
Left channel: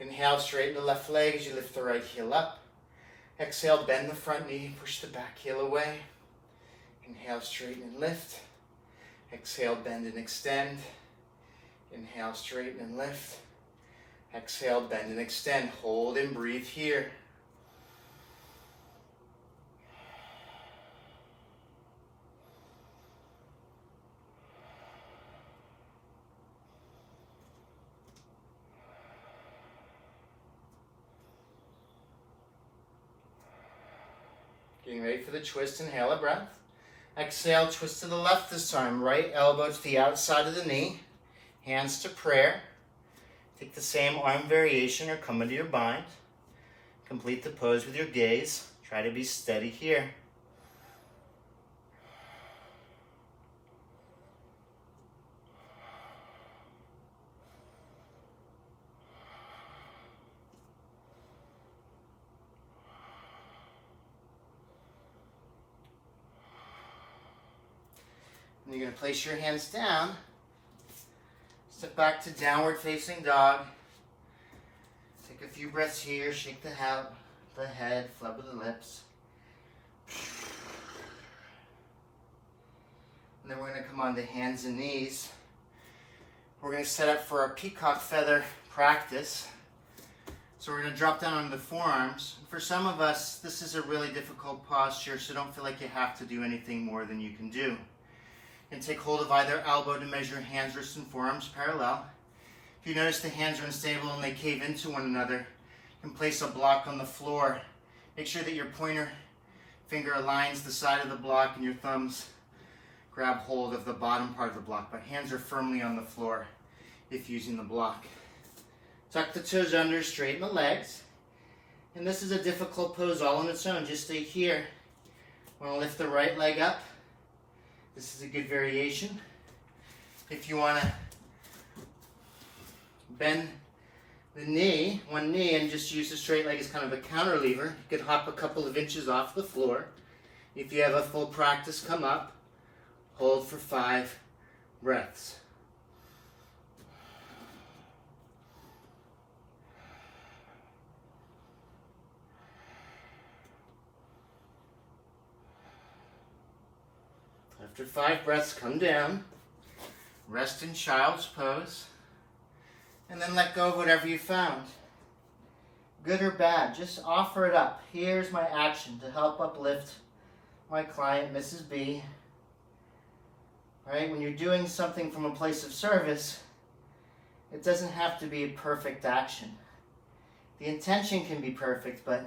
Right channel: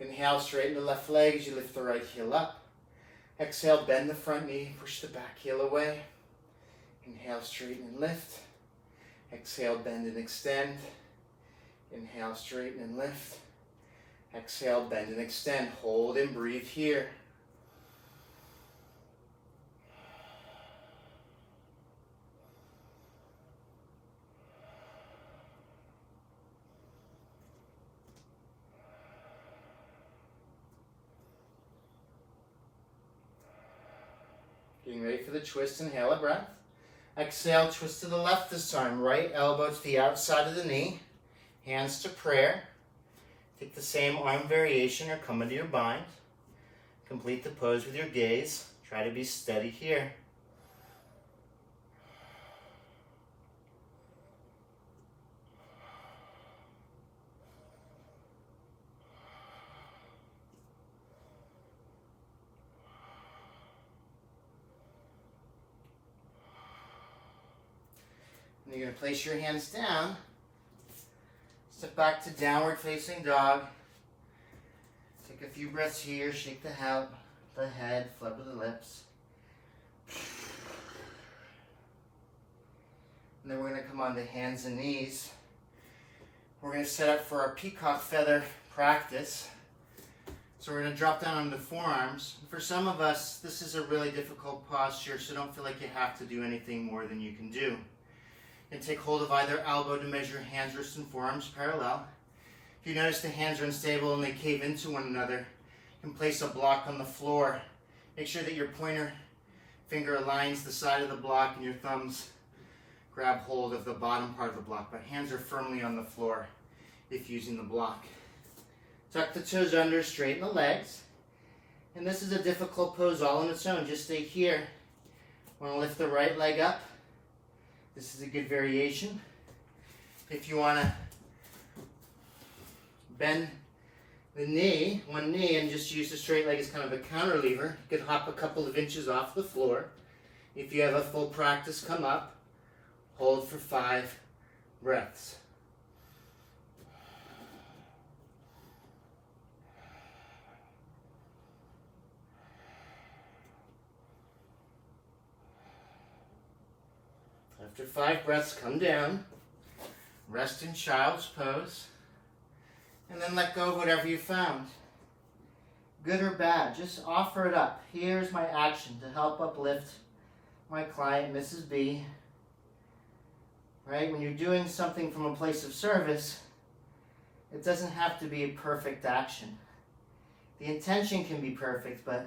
Inhale, straighten the left leg as you lift the right heel up. Exhale, bend the front knee, push the back heel away. Inhale, straighten and lift. Exhale, bend and extend. Inhale, straighten and lift. Exhale, bend and extend. Hold and breathe here. Getting ready for the twist, inhale a breath. Exhale, twist to the left this time. Right elbow to the outside of the knee. Hands to prayer. Take the same arm variation or come into your bind. Complete the pose with your gaze. Try to be steady here. And you're going to place your hands down. Step back to downward facing dog. Take a few breaths here. Shake the head, flub with the lips. And then we're going to come on to hands and knees. We're going to set up for our peacock feather practice. So we're going to drop down on the forearms. For some of us, this is a really difficult posture, so don't feel like you have to do anything more than you can do. And take hold of either elbow to measure hands, wrists, and forearms parallel. If you notice the hands are unstable and they cave into one another, you can place a block on the floor. Make sure that your pointer finger aligns the side of the block and your thumbs grab hold of the bottom part of the block, but hands are firmly on the floor if using the block. Tuck the toes under, straighten the legs. And this is a difficult pose all on its own. Just stay here. Want to lift the right leg up. This is a good variation. If you want to bend the knee, one knee, and just use the straight leg as kind of a counter lever, you could hop a couple of inches off the floor. If you have a full practice, come up, hold for 5 breaths. After 5 breaths, come down, rest in child's pose, and then let go of whatever you found. Good or bad, just offer it up. Here's my action to help uplift my client, Mrs. B. Right? When you're doing something from a place of service, it doesn't have to be a perfect action. The intention can be perfect, but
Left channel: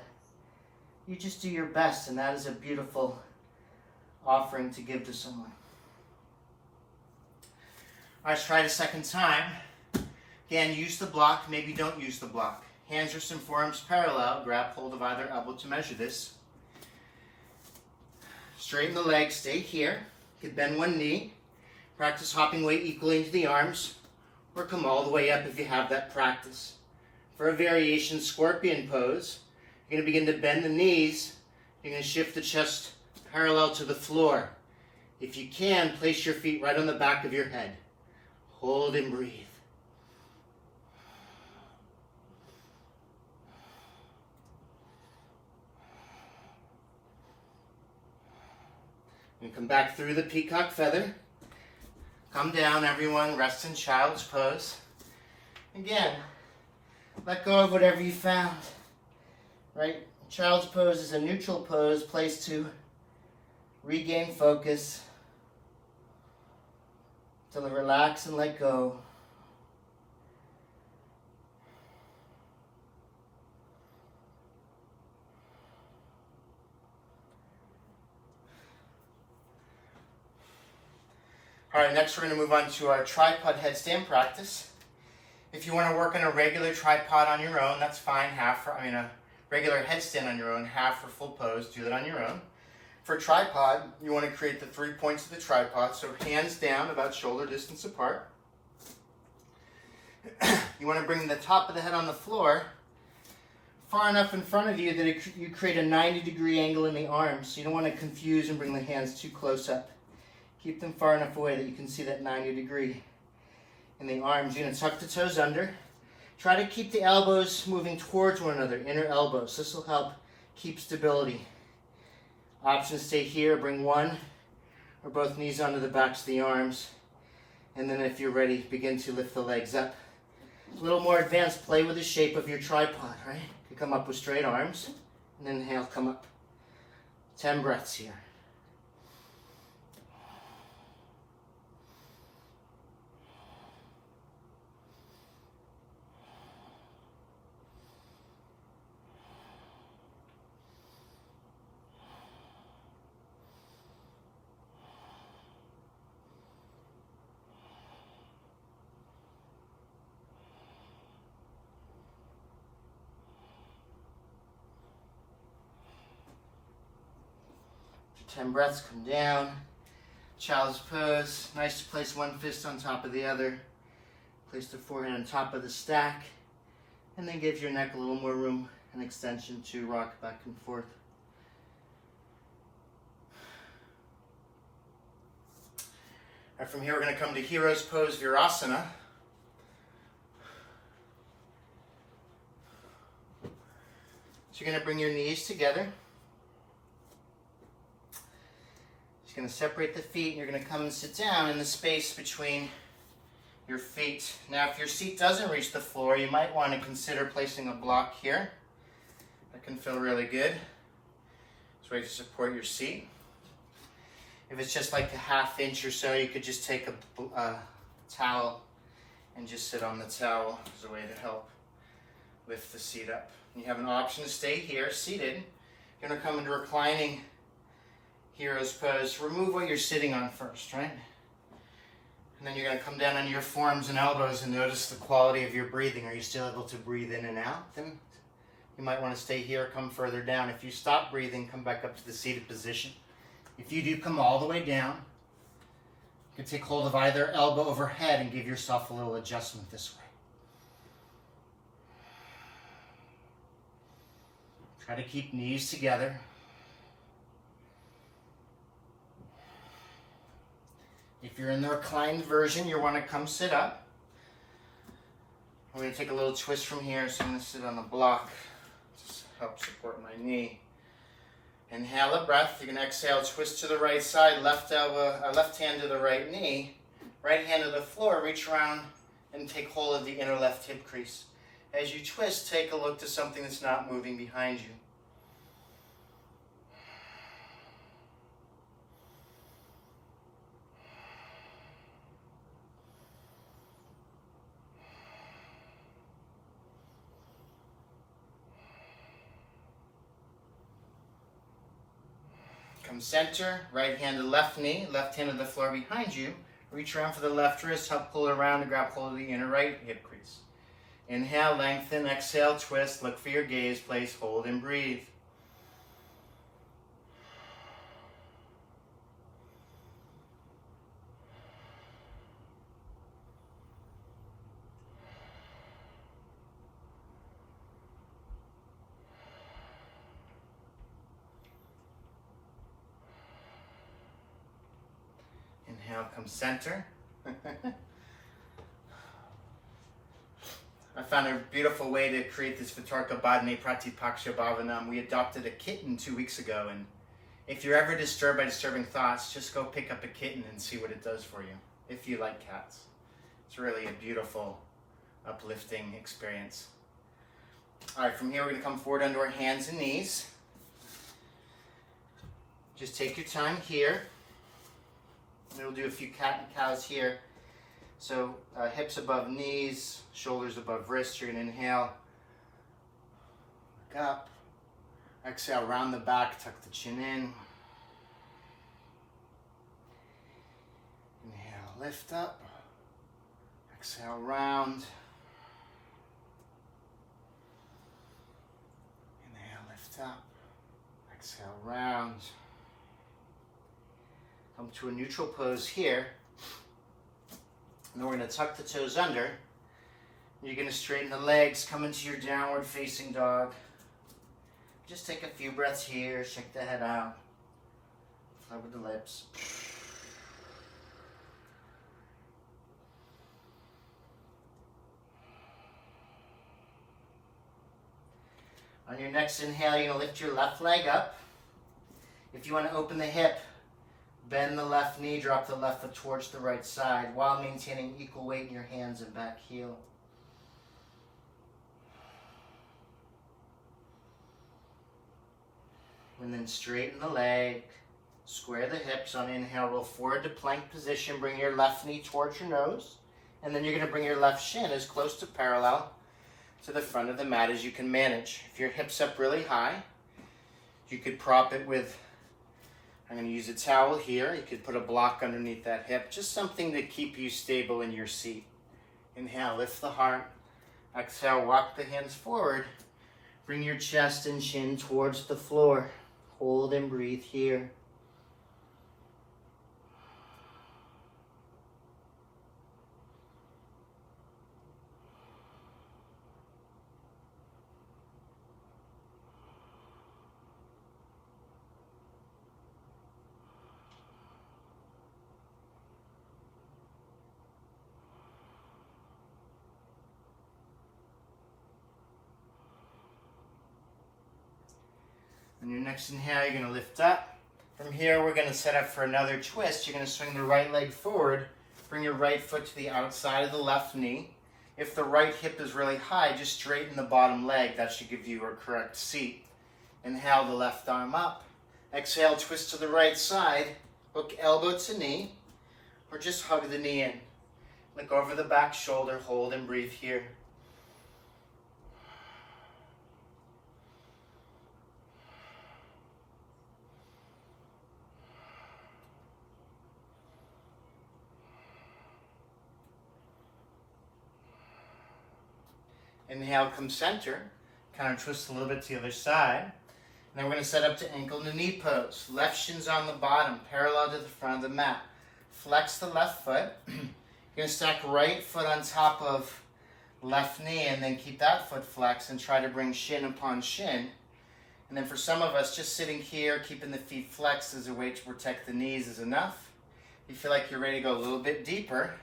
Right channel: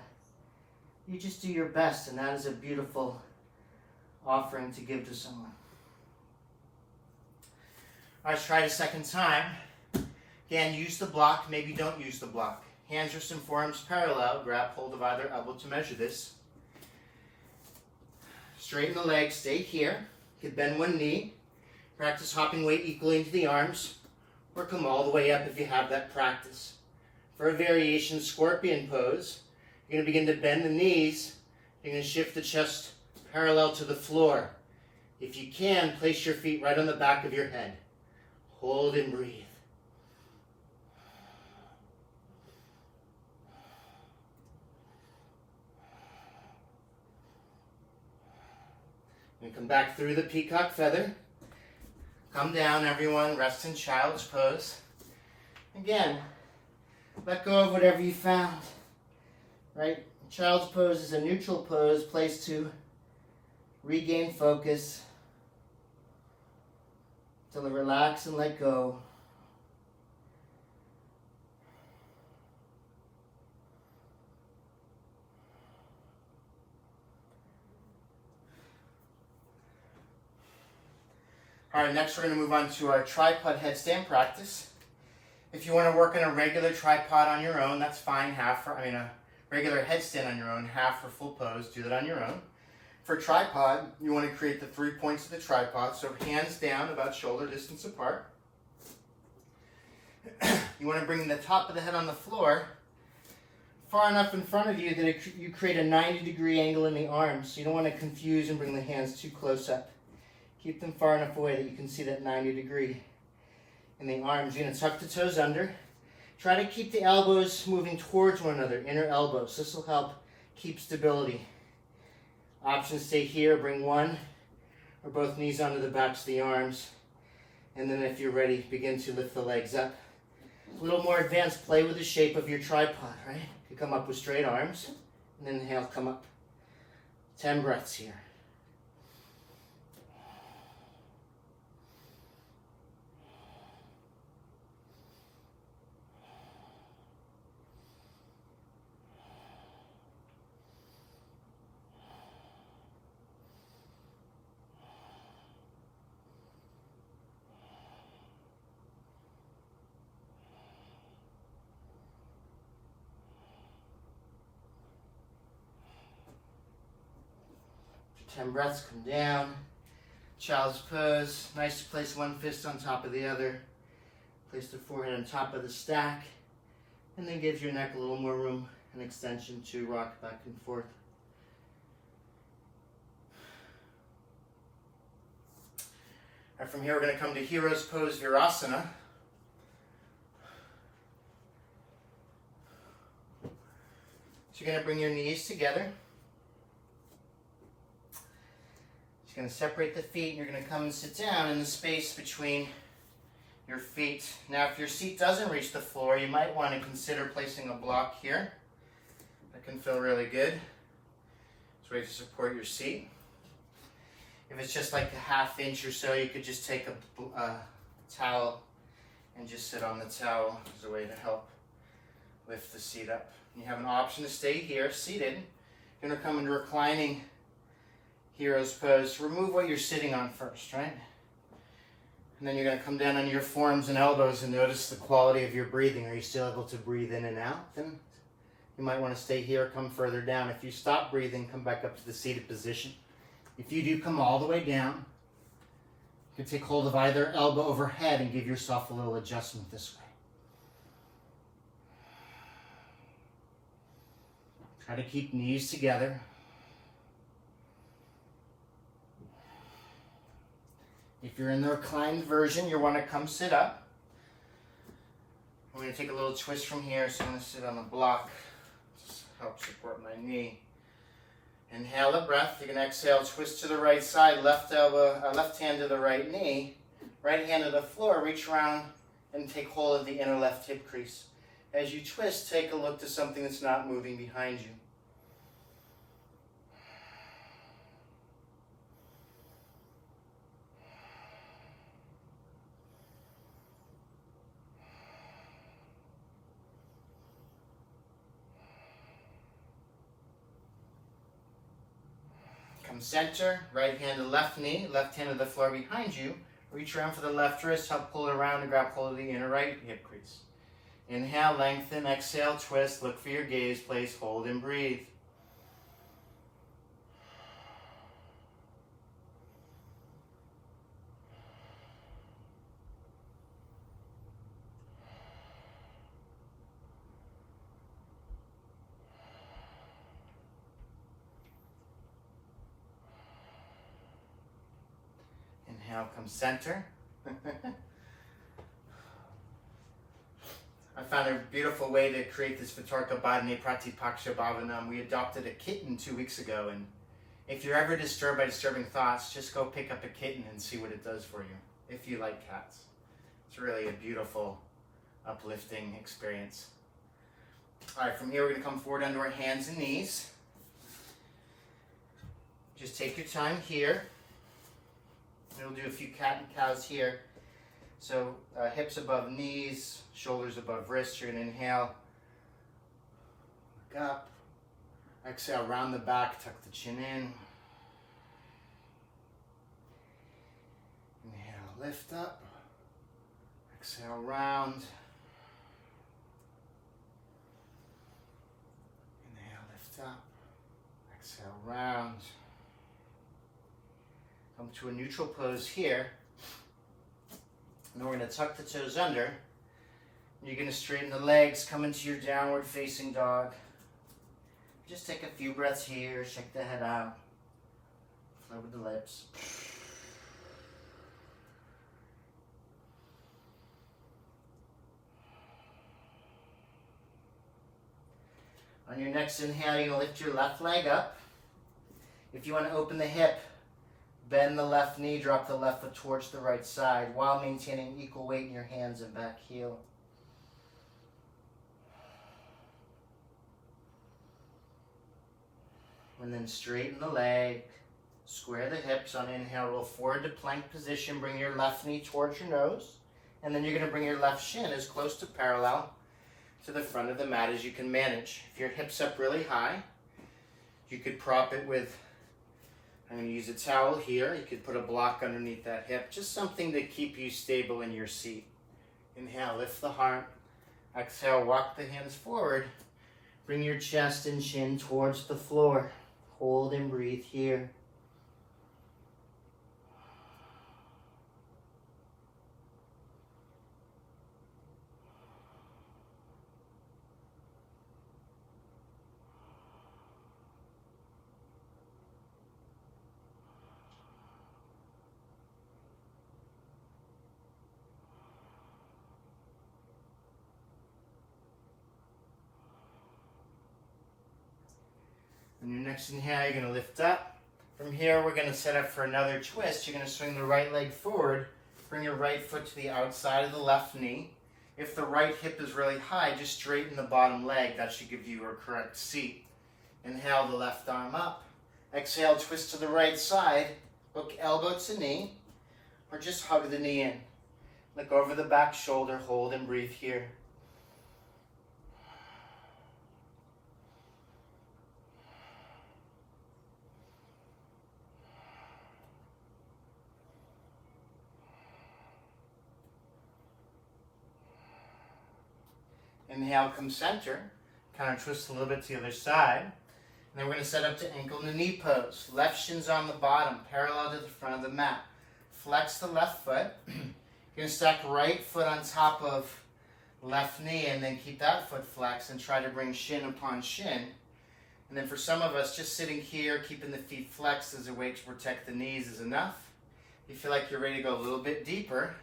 you just do your best, and that is a beautiful offering to give to someone. All right, let's try it a second time. Again, use the block, maybe don't use the block. Hands are some forearms parallel. Grab hold of either elbow to measure this. Straighten the legs, stay here. You can bend one knee. Practice hopping weight equally into the arms, or come all the way up if you have that practice. For a variation scorpion pose, you're going to begin to bend the knees. You're going to shift the chest parallel to the floor. If you can, place your feet right on the back of your head. Hold and breathe. And come back through the peacock feather. Come down, everyone. Rest in child's pose. Again, let go of whatever you found. Right? Child's pose is a neutral pose, place to regain focus, to relax and let go. All right, next we're going to move on to our tripod headstand practice. If you want to work on a regular tripod on your own, that's fine. A regular headstand on your own, half or full pose, do that on your own. For tripod, you want to create the 3 points of the tripod, so hands down about shoulder distance apart. You want to bring the top of the head on the floor far enough in front of you that you create a 90-degree angle in the arms. So you don't want to confuse and bring the hands too close up. Keep them far enough away that you can see that 90-degree in the arms. You're going to tuck the toes under. Try to keep the elbows moving towards one another, inner elbows. This will help keep stability. Options stay here, bring one or both knees onto the backs of the arms. And then if you're ready, begin to lift the legs up. A little more advanced, play with the shape of your tripod, right? You come up with straight arms, and then inhale, come up. 10 breaths here. After 10 breaths, come down. Child's pose. Nice to place one fist on top of the other. Place the forehead on top of the stack. And then give your neck a little more room and extension to rock back and forth. All right, from here we're going to come to Hero's Pose Virasana. So you're going to bring your knees together. You're going to separate the feet and you're going to come and sit down in the space between your feet. Now if your seat doesn't reach the floor, you might want to consider placing a block here. That can feel really good. It's a way to support your seat. If it's just like a ½ inch or so, you could just take a towel and just sit on the towel as a way to help lift the seat up. You have an option to stay here, seated. You're going to come into reclining Hero's Pose. Remove what you're sitting on first, right? And then you're going to come down on your forearms and elbows and notice the quality of your breathing. Are you still able to breathe in and out? Then you might want to stay here, come further down. If you stop breathing, come back up to the seated position. If you do come all the way down, you can take hold of either elbow overhead and give yourself a little adjustment this way. Try to keep knees together. If you're in the reclined version, you want to come sit up. We're going to take a little twist from here, so I'm going to sit on the block to help support my knee. Inhale a breath. You're going to exhale, twist to the right side, left hand to the right knee, right hand to the floor, reach around and take hold of the inner left hip crease. As you twist, take a look to something that's not moving behind you. Come center, right hand to left knee, left hand to the floor behind you. Reach around for the left wrist, help pull it around and grab hold of the inner right hip crease. Inhale, lengthen, exhale, twist, look for your gaze, place, hold, and breathe. Inhale, come center. I found a beautiful way to create this Vitarka Badane Pratipaksha Bhavanam. We adopted a kitten 2 weeks ago, and if you're ever disturbed by disturbing thoughts, just go pick up a kitten and see what it does for you, if you like cats. It's really a beautiful, uplifting experience. All right, from here we're going to come forward onto our hands and knees. Just take your time here. We'll do a few cat and cows here. So hips above knees, shoulders above wrists. You're going to inhale, look up. Exhale, round the back, tuck the chin in. Inhale, lift up. Exhale, round. Inhale, lift up. Exhale, round. Come to a neutral pose here. And then we're going to tuck the toes under. You're going to straighten the legs, come into your downward facing dog. Just take a few breaths here, shake the head out. Flow with the lips. On your next inhale, you're going to lift your left leg up. If you want to open the hip, bend the left knee, drop the left foot towards the right side while maintaining equal weight in your hands and back heel. And then straighten the leg, square the hips. On inhale, roll forward to plank position, bring your left knee towards your nose, and then you're going to bring your left shin as close to parallel to the front of the mat as you can manage. If your hips up really high, you could prop it with, I'm going to use a towel here. You could put a block underneath that hip, just something to keep you stable in your seat. Inhale, lift the heart. Exhale, walk the hands forward. Bring your chest and chin towards the floor. Hold and breathe here. On your next inhale, you're going to lift up. From here, we're going to set up for another twist. You're going to swing the right leg forward. Bring your right foot to the outside of the left knee. If the right hip is really high, just straighten the bottom leg. That should give you a correct seat. Inhale the left arm up. Exhale, twist to the right side. Hook elbow to knee, or just hug the knee in. Look over the back shoulder, hold and breathe here. Inhale, come center. Kind of twist a little bit to the other side. And then we're going to set up to ankle to knee pose. Left shin's on the bottom, parallel to the front of the mat. Flex the left foot. You're going to stack right foot on top of left knee and then keep that foot flexed and try to bring shin upon shin. And then for some of us, just sitting here, keeping the feet flexed as a way to protect the knees is enough. If you feel like you're ready to go a little bit deeper,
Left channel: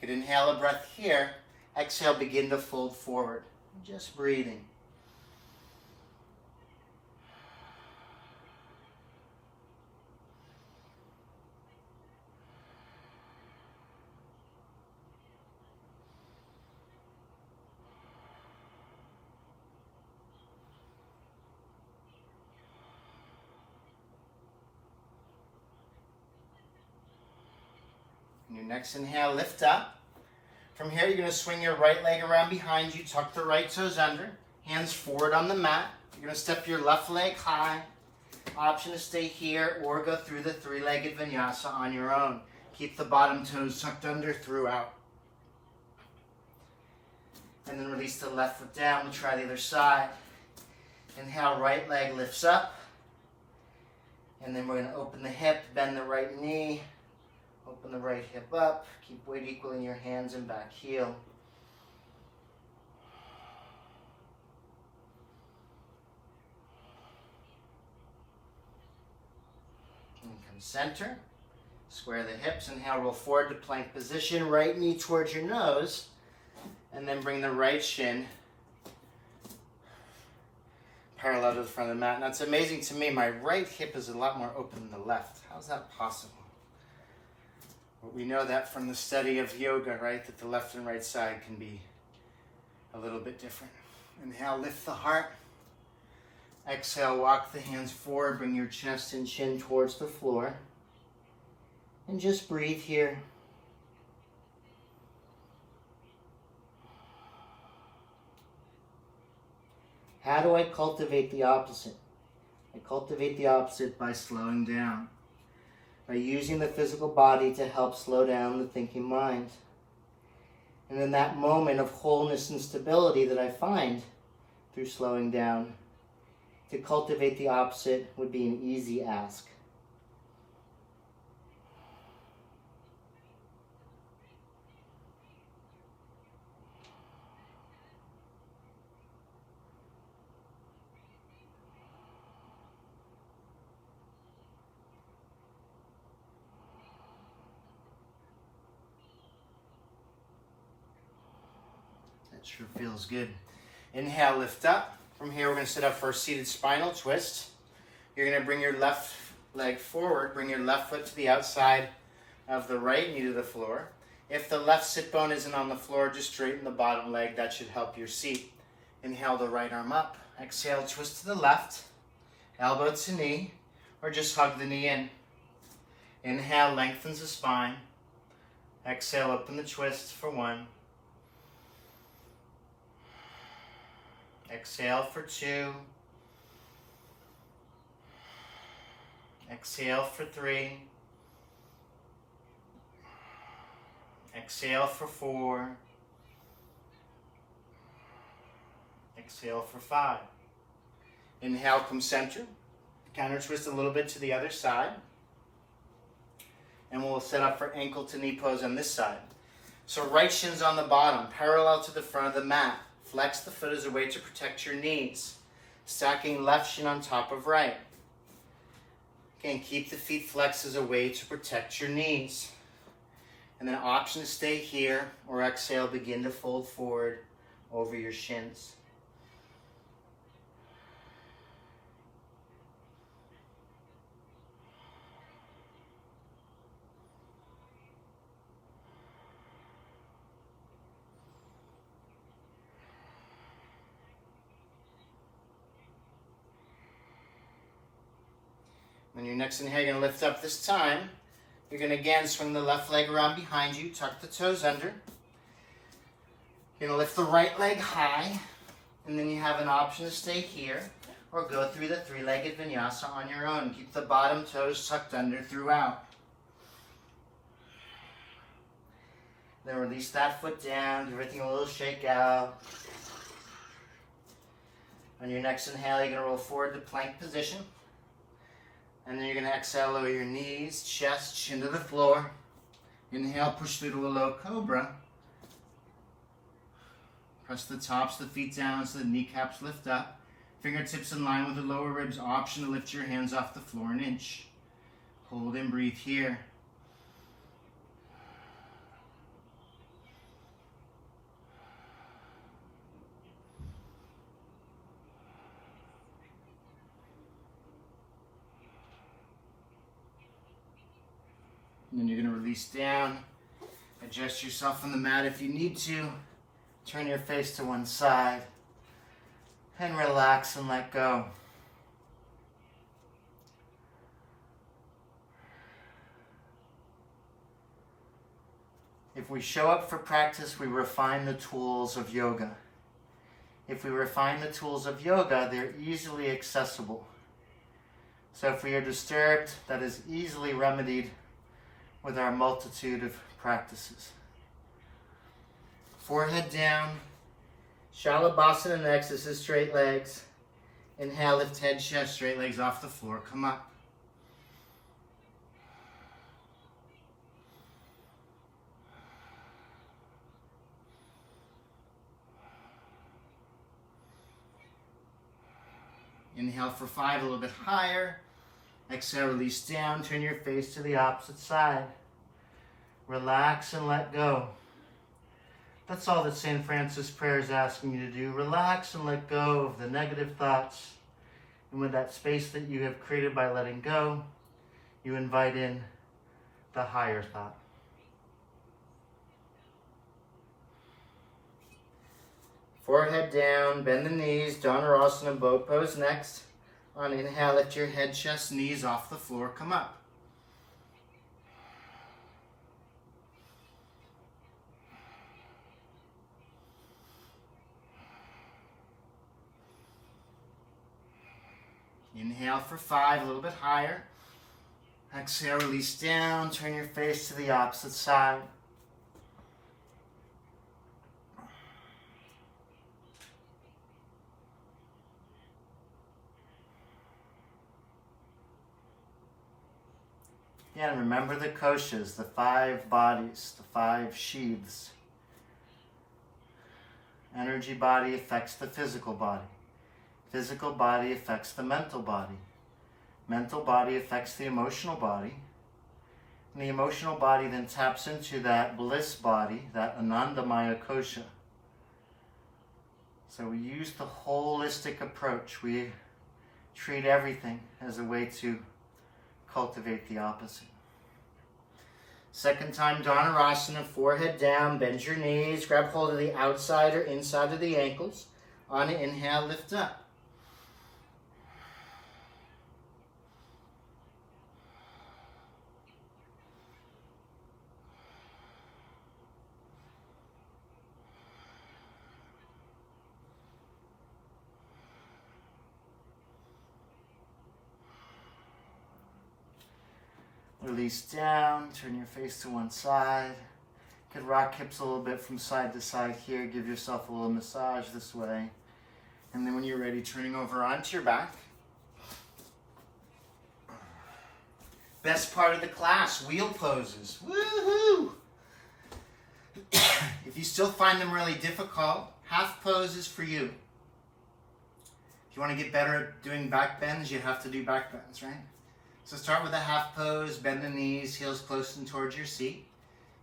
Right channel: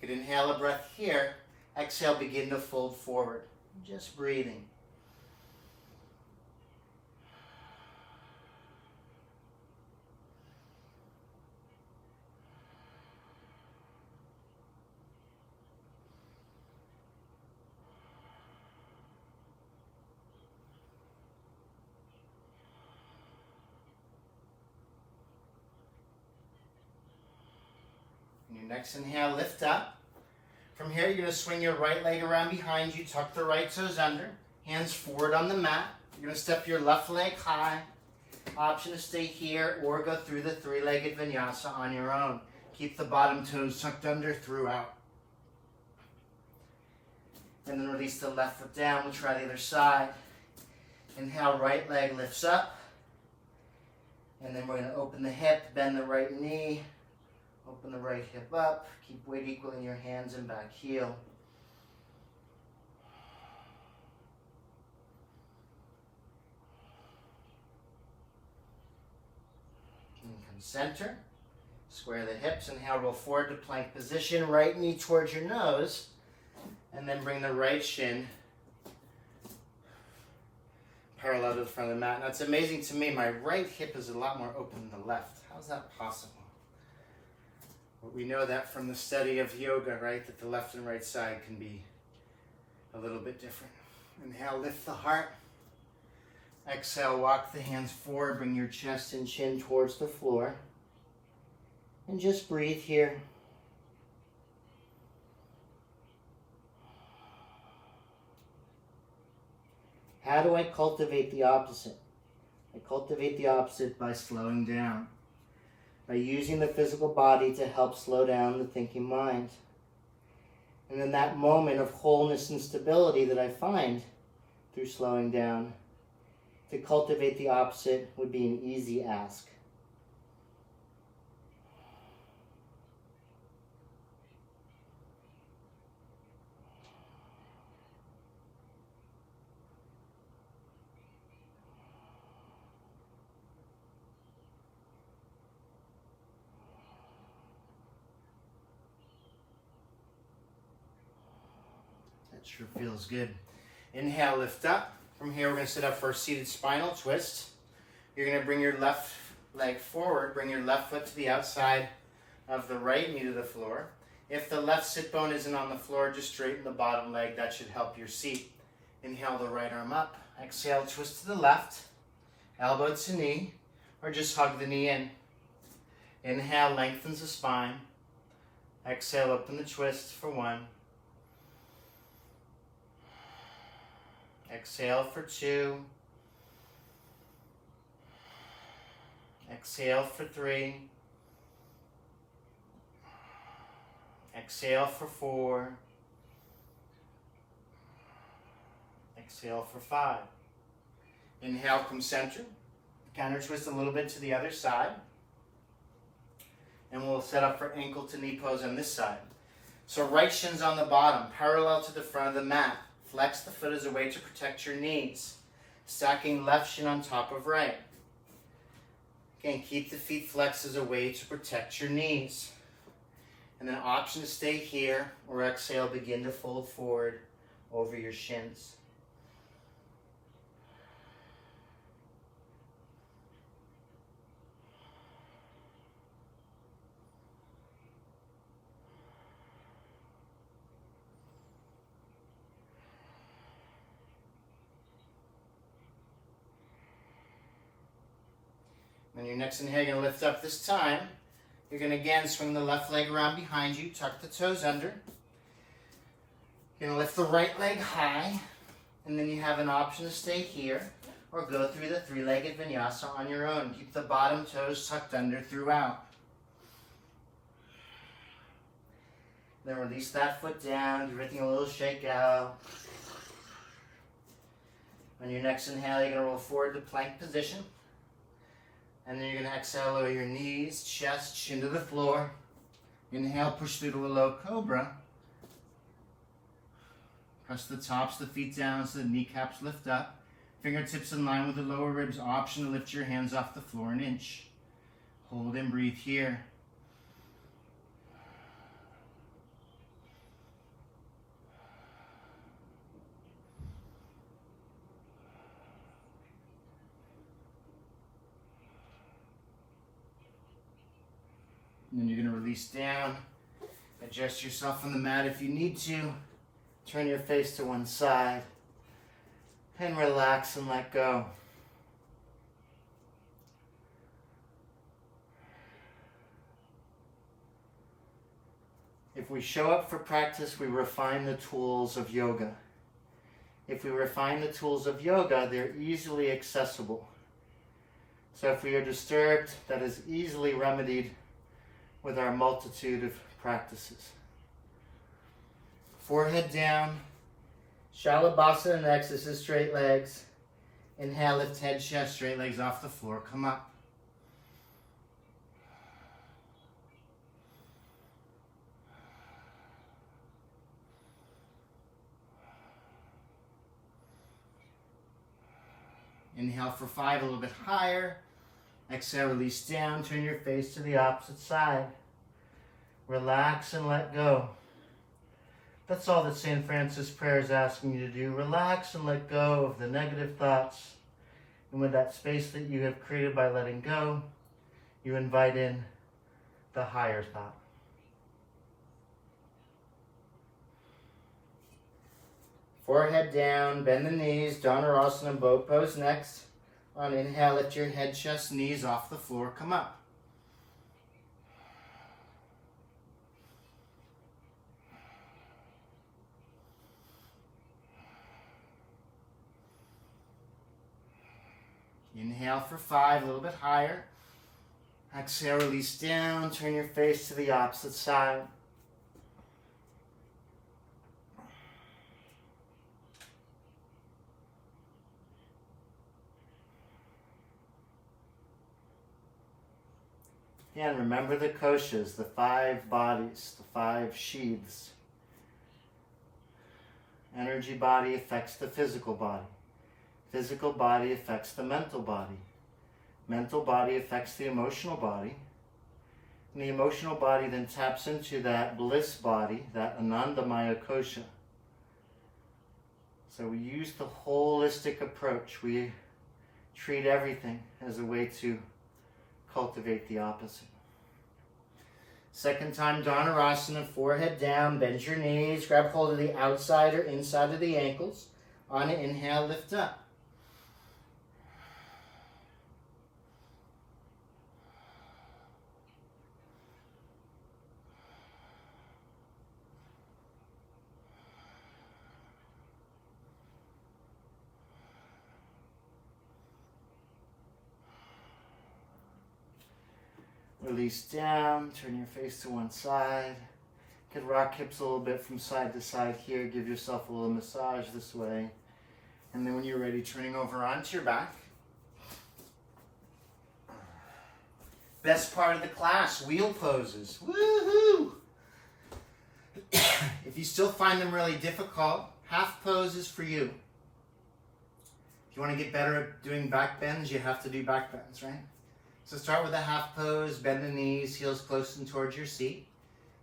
you could inhale a breath here. Exhale, begin to fold forward. Just breathing. On your next inhale, lift up. From here, you're going to swing your right leg around behind you, tuck the right toes under, hands forward on the mat. You're going to step your left leg high, Option to stay here or go through the three-legged vinyasa on your own. Keep the bottom toes tucked under throughout. And then release the left foot down. We'll try the other side. Inhale, right leg lifts up. And then we're going to open the hip, bend the right knee, open the right hip up. Keep weight equal in your hands and back heel. And come center. Square the hips. Inhale, roll forward to plank position. Right knee towards your nose. And then bring the right shin parallel to the front of the mat. Now it's amazing to me, my right hip is a lot more open than the left. How's that possible? Well, we know that from the study of yoga, right? That the left and right side can be a little bit different. Inhale, lift the heart. Exhale, walk the hands forward. Bring your chest and chin towards the floor. And just breathe here. How do I cultivate the opposite? I cultivate the opposite by slowing down, by using the physical body to help slow down the thinking mind. And in that moment of wholeness and stability that I find through slowing down, to cultivate the opposite would be an easy ask. Sure feels good. Inhale, lift up. From here, we're going to sit up for a seated spinal twist. You're going to bring your left leg forward. Bring your left foot to the outside of the right knee to the floor. If the left sit bone isn't on the floor, just straighten the bottom leg. That should help your seat. Inhale the right arm up. Exhale, twist to the left. Elbow to knee, or just hug the knee in. Inhale, lengthens the spine. Exhale, open the twist for 1. Exhale for 2. Exhale for 3. Exhale for 4. Exhale for 5. Inhale, come center. Counter twist a little bit to the other side. And we'll set up for ankle to knee pose on this side. So right shin's on the bottom, parallel to the front of the mat. Flex the foot as a way to protect your knees. Stacking left shin on top of right. Again, keep the feet flexed as a way to protect your knees. And then option to stay here, or exhale, begin to fold forward over your shins. On your next inhale, you're going to lift up this time. You're going to again swing the left leg around behind you, tuck the toes under. You're going to lift the right leg high, and then you have an option to stay here or go through the three-legged vinyasa on your own. Keep the bottom toes tucked under throughout. Then release that foot down, give everything a little shake out. On your next inhale, you're going to roll forward to plank position. And then you're going to exhale, lower your knees, chest, chin to the floor. Inhale, push through to a low cobra. Press the tops of the feet down so the kneecaps lift up. Fingertips in line with the lower ribs. Option to lift your hands off the floor an inch. Hold and breathe here. And then you're going to release down. Adjust yourself on the mat if you need to. Turn your face to one side. And relax and let go. If we show up for practice, we refine the tools of yoga. If we refine the tools of yoga, they're easily accessible. So if we are disturbed, that is easily remedied with our multitude of practices. Forehead down. Shalabhasana next. This is straight legs. Inhale, lift head, chest, straight legs off the floor. Come up. Inhale for 5, a little bit higher. Exhale, release down. Turn your face to the opposite side. Relax and let go. That's all that St. Francis' prayer is asking you to do. Relax and let go of the negative thoughts. And with that space that you have created by letting go, you invite in the higher thought. Forehead down, bend the knees, Dhanurasana, boat pose next. On inhale, lift your head, chest, knees off the floor, come up. Inhale for 5, a little bit higher. Exhale, release down, turn your face to the opposite side. Again, remember the koshas, the 5 bodies, the 5 sheaths. Energy body affects the physical body. Physical body affects the mental body. Mental body affects the emotional body. And the emotional body then taps into that bliss body, that Anandamaya kosha. So we use the holistic approach. We treat everything as a way to cultivate the opposite. Second time, Dhanurasana, forehead down, bend your knees, grab hold of the outside or inside of the ankles. On an inhale, lift up. Release down, turn your face to one side. You could rock hips a little bit from side to side here. Give yourself a little massage this way. And then when you're ready, turning over onto your back. Best part of the class, wheel poses. Woohoo! If you still find them really difficult, half pose is for you. If you want to get better at doing back bends, you have to do back bends, right? So start with a half pose, bend the knees, heels close and towards your seat.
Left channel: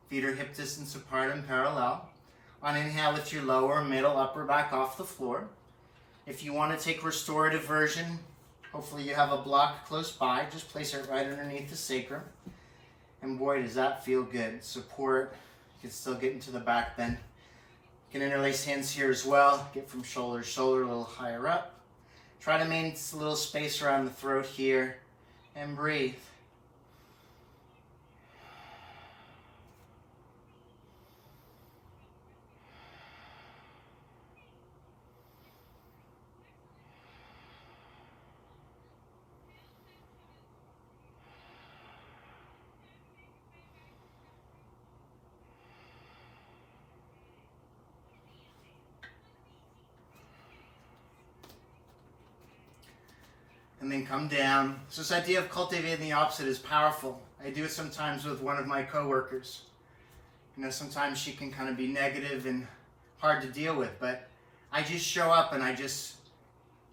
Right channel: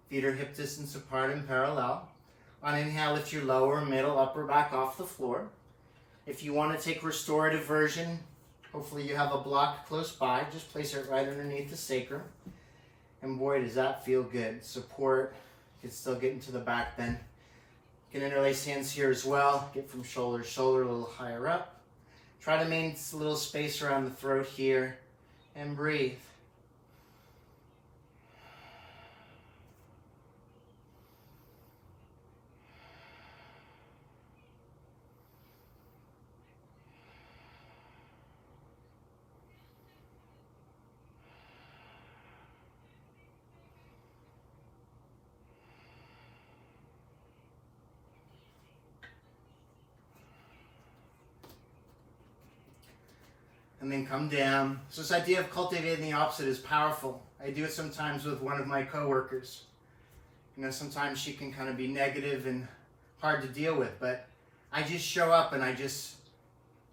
Feet are hip distance apart and parallel. On inhale, lift your lower, middle, upper back off the floor. If you want to take restorative version, hopefully you have a block close by. Just place it right underneath the sacrum. And boy, does that feel good. Support. You can still get into the back bend. You can interlace hands here as well. Get from shoulder to shoulder a little higher up. Try to maintain a little space around the throat here. And breathe. And then come down. So this idea of cultivating the opposite is powerful. I do it sometimes with one of my coworkers. You know, sometimes she can kind of be negative and hard to deal with, but I just show up and I just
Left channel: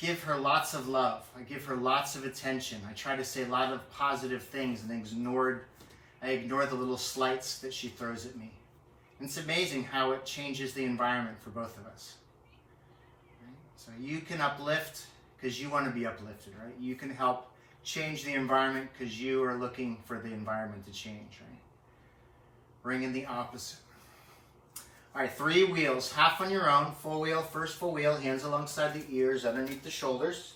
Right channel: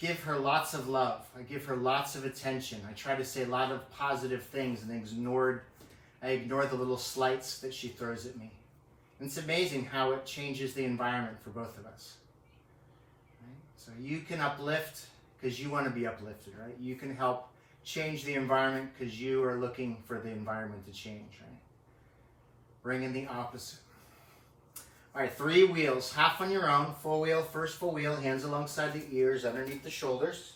give her lots of love. I give her lots of attention. I try to say a lot of positive things and I ignore the little slights that she throws at me. And it's amazing how it changes the environment for both of us. Right? So you can uplift because you want to be uplifted, right? You can help change the environment because you are looking for the environment to change, right? Bring in the opposite. All right, 3 wheels, half on your own, full wheel, first full wheel, hands alongside the ears, underneath the shoulders.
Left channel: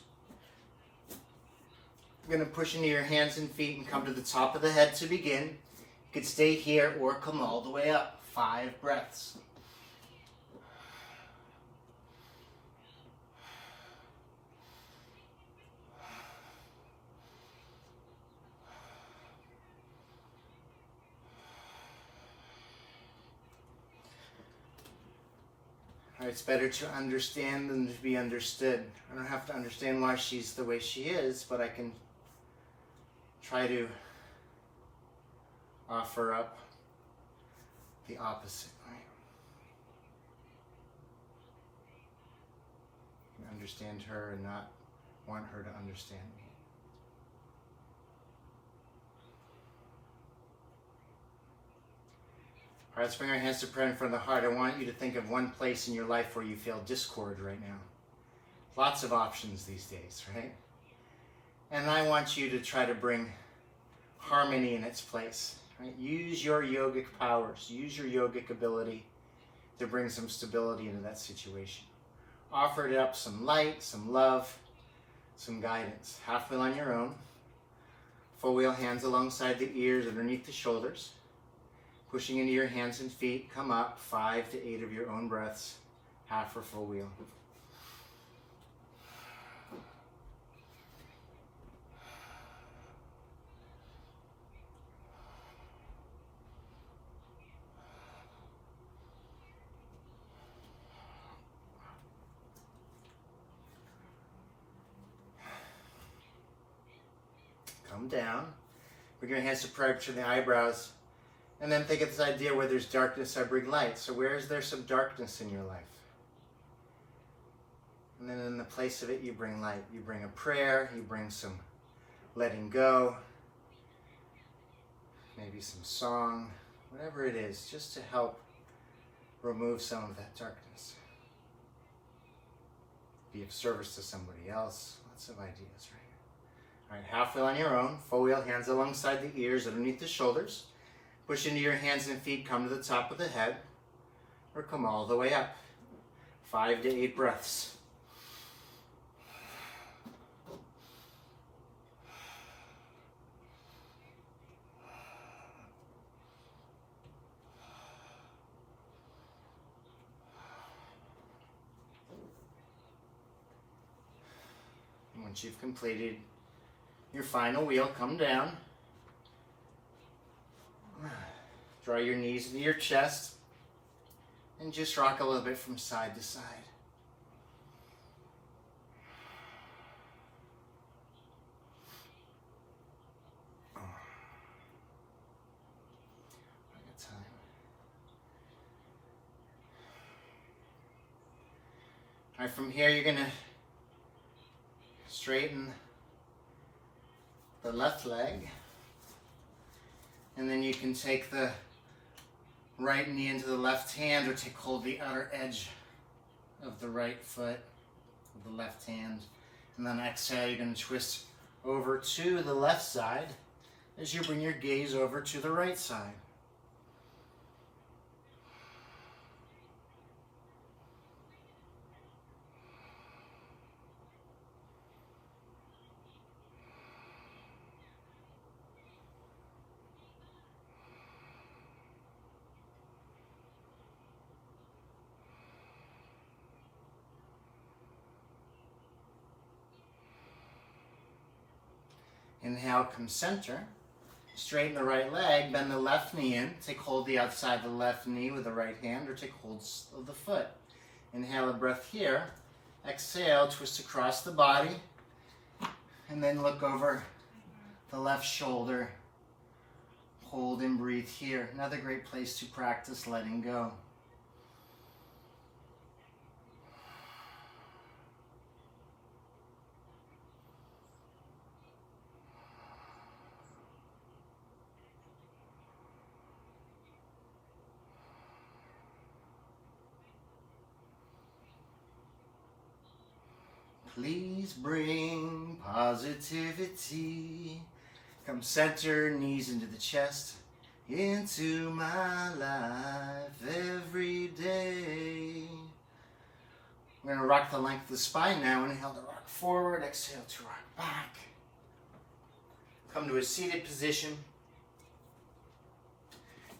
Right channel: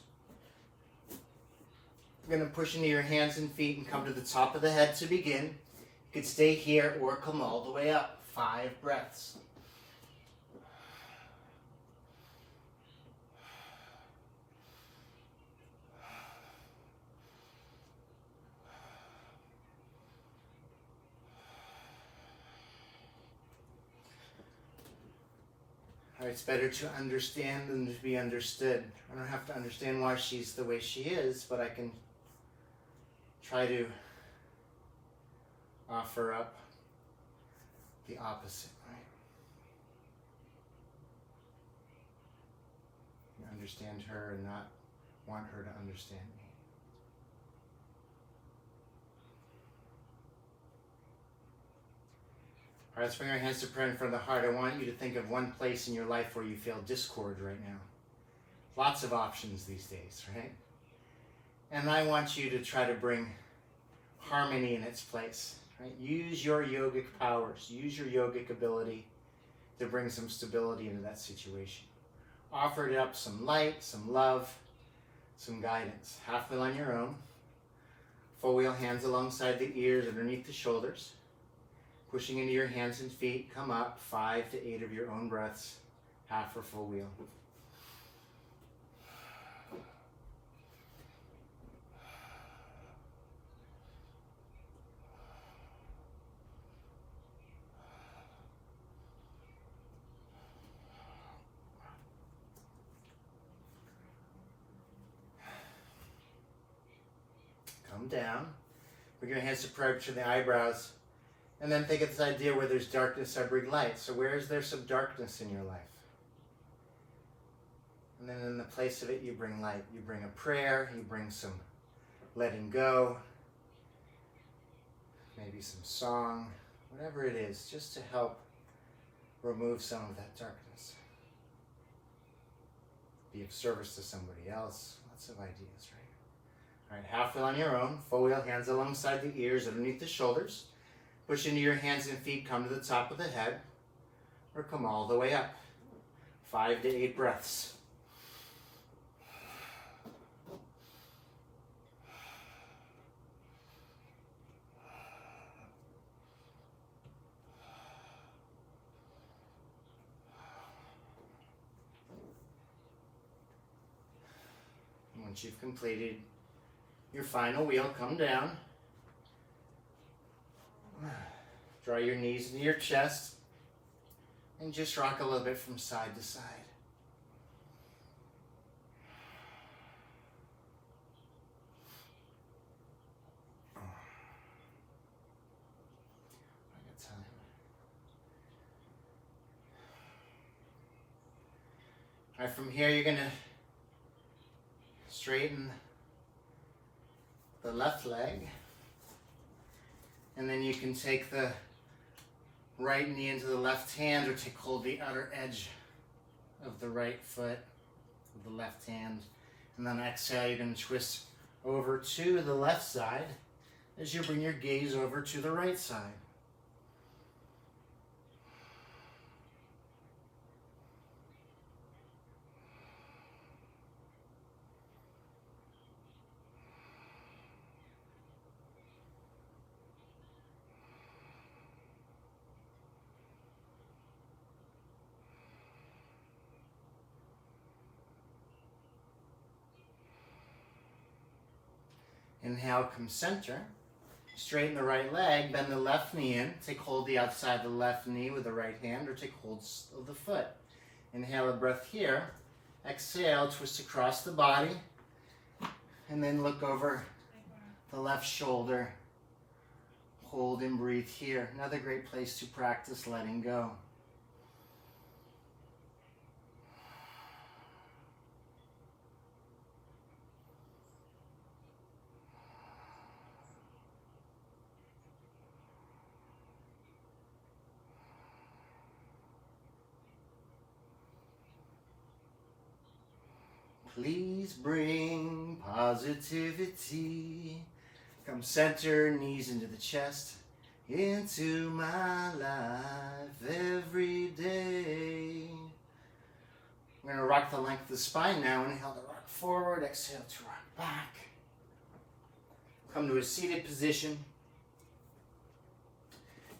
You're going to push into your hands and feet and come to the top of the head to begin. You could stay here or come all the way up. 5 breaths. It's better to understand than to be understood. I don't have to understand why she's the way she is, but I can try to offer up the opposite, right? And understand her and not want her to understand me. All right, let's bring our hands to prayer in front of the heart. I want you to think of one place in your life where you feel discord right now. Lots of options these days, right? And I want you to try to bring harmony in its place. Right? Use your yogic powers. Use your yogic ability to bring some stability into that situation. Offer it up some light, some love, some guidance. Half wheel on your own. Full wheel, hands alongside the ears, underneath the shoulders. Pushing into your hands and feet, come up 5 to 8 of your own breaths, half or full wheel. Come down. Bring your hands to prayer to the eyebrows. And then think of this idea where there's darkness, I bring light. So where is there some darkness in your life? And then in the place of it, you bring light. You bring a prayer, you bring some letting go, maybe some song, whatever it is, just to help remove some of that darkness. Be of service to somebody else. Lots of ideas, right? All right, half wheel on your own. Full wheel, hands alongside the ears, underneath the shoulders. Push into your hands and feet, come to the top of the head, or come all the way up. 5 to 8 breaths. And once you've completed your final wheel, come down. Draw your knees into your chest and just rock a little bit from side to side. I got time. All right, from here you're going to straighten the left leg. And then you can take the right knee into the left hand, or take hold of the outer edge of the right foot with the left hand. And then exhale, you're going to twist over to the left side as you bring your gaze over to the right side. Inhale, come center. Straighten the right leg, bend the left knee in. Take hold of the outside of the left knee with the right hand, or take hold of the foot. Inhale a breath here. Exhale, twist across the body. And then look over the left shoulder. Hold and breathe here. Another great place to practice letting go. Please bring positivity. Come center, knees into the chest, into my life every day. We're going to rock the length of the spine now. Inhale to rock forward, exhale to rock back. Come to a seated position.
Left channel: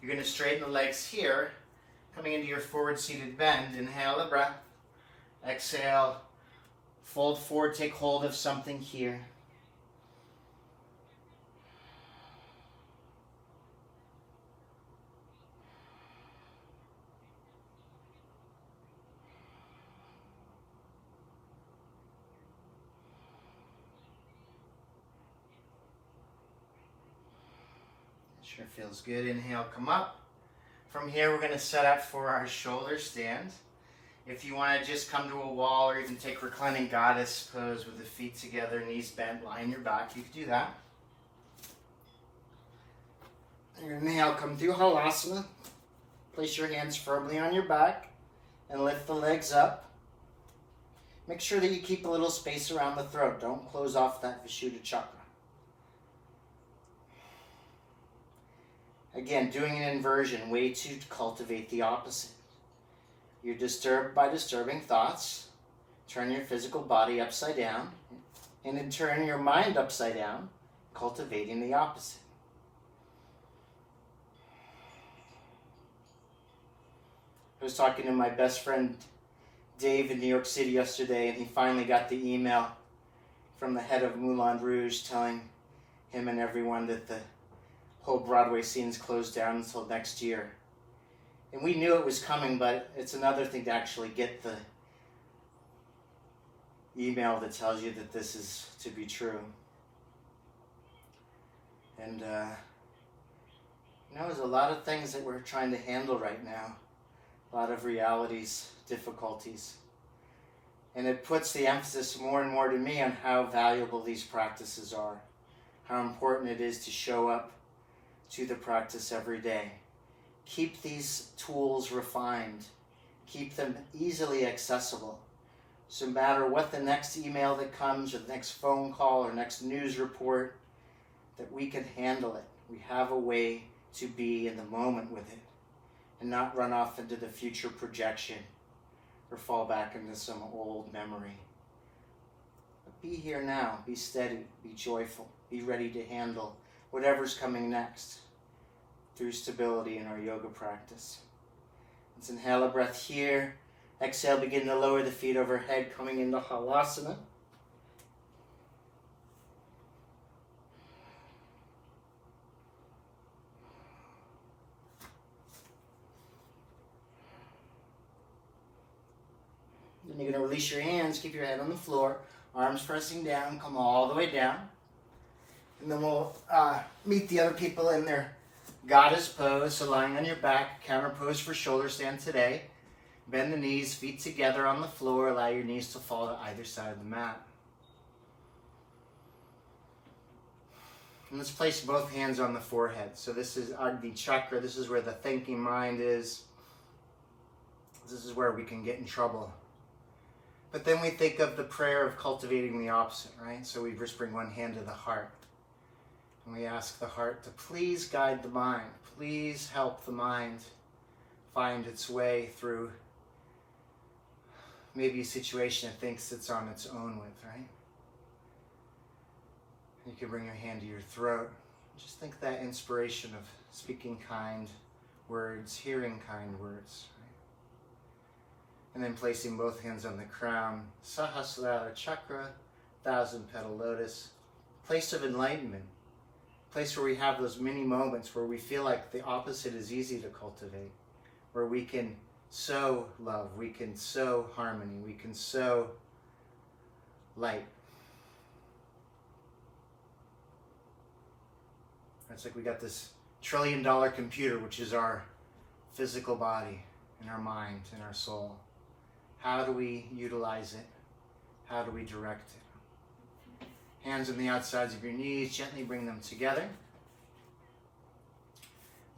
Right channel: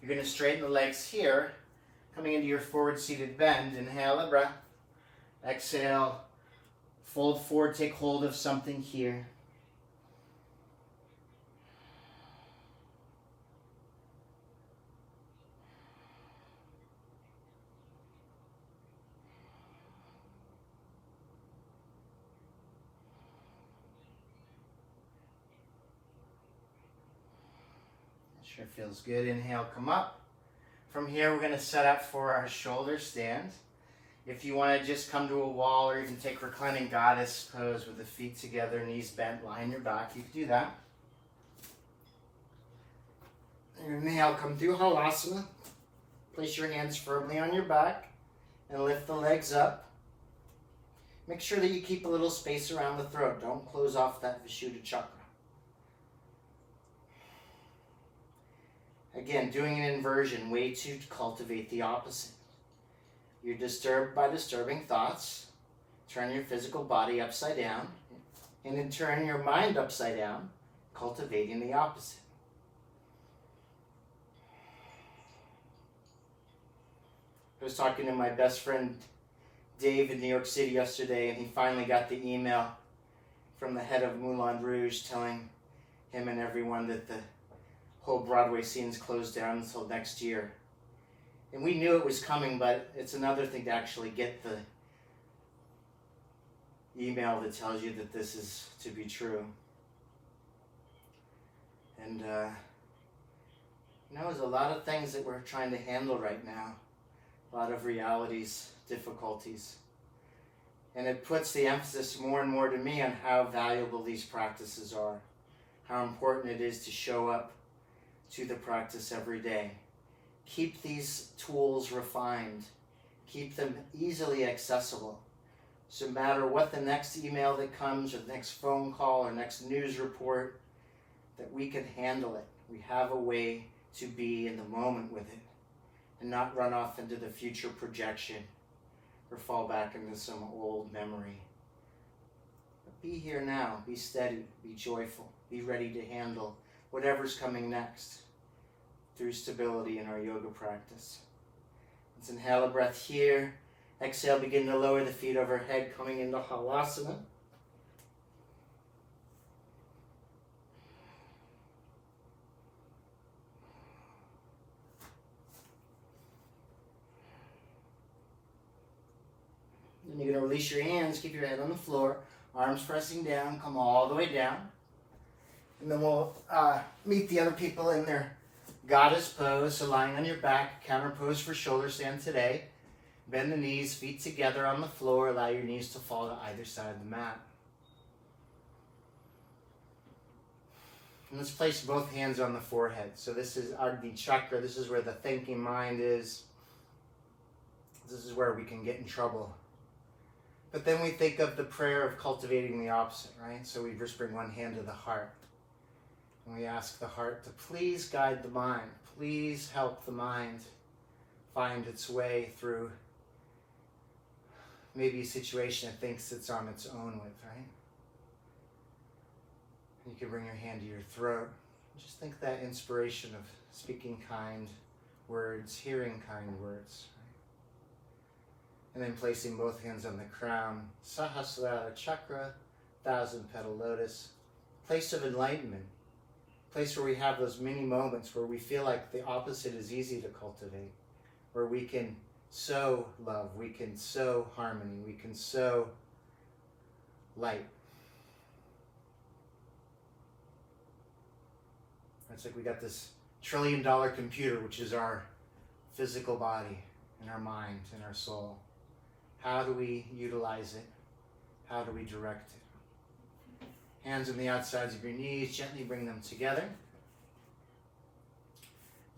You're going to straighten the legs here, coming into your forward seated bend. Inhale a breath, exhale. Fold forward, take hold of something here. Sure feels good. Inhale, come up. From here, we're going to set up for our shoulder stand. If you want to just come to a wall or even take reclining goddess pose with the feet together, knees bent, lying your back, you can do that. Inhale, come through Halasana. Place your hands firmly on your back and lift the legs up. Make sure that you keep a little space around the throat. Don't close off that Vishuddha chakra. Again, doing an inversion, way to cultivate the opposite. You're disturbed by disturbing thoughts. Turn your physical body upside down. And then turn your mind upside down, cultivating the opposite. I was talking to my best friend Dave in New York City yesterday, and he finally got the email from the head of Moulin Rouge telling him and everyone that the whole Broadway scene's closed down until next year. And we knew it was coming, but it's another thing to actually get the email that tells you that this is to be true. And there's a lot of things that we're trying to handle right now. A lot of realities, difficulties. And it puts the emphasis more and more to me on how valuable these practices are. How important it is to show up to the practice every day. Keep these tools refined. Keep them easily accessible. So no matter what the next email that comes, or the next phone call, or next news report, that we can handle it. We have a way to be in the moment with it and not run off into the future projection or fall back into some old memory. But be here now. Be steady. Be joyful. Be ready to handle whatever's coming next through stability in our yoga practice. Let's inhale a breath here. Exhale, begin to lower the feet overhead, coming into Halasana. Then you're going to release your hands, keep your head on the floor, arms pressing down, come all the way down. And then we'll meet the other people in their goddess pose, so lying on your back, counter pose for shoulder stand today. Bend the knees, feet together on the floor, allow your knees to fall to either side of the mat. And let's place both hands on the forehead. So this is Agni Chakra, this is where the thinking mind is. This is where we can get in trouble. But then we think of the prayer of cultivating the opposite, right? So we just bring one hand to the heart. And we ask the heart to please guide the mind. Please help the mind find its way through maybe a situation it thinks it's on its own with, right? You can bring your hand to your throat. Just think that inspiration of speaking kind words, hearing kind words. And then placing both hands on the crown, Sahasrara Chakra, 1,000-petal lotus, place of enlightenment, place where we have those mini moments where we feel like the opposite is easy to cultivate, where we can sow love, we can sow harmony, we can sow light. It's like we got this trillion-dollar computer, which is our physical body and our mind and our soul. How do we utilize it? How do we direct it? Hands on the outsides of your knees, gently bring them together.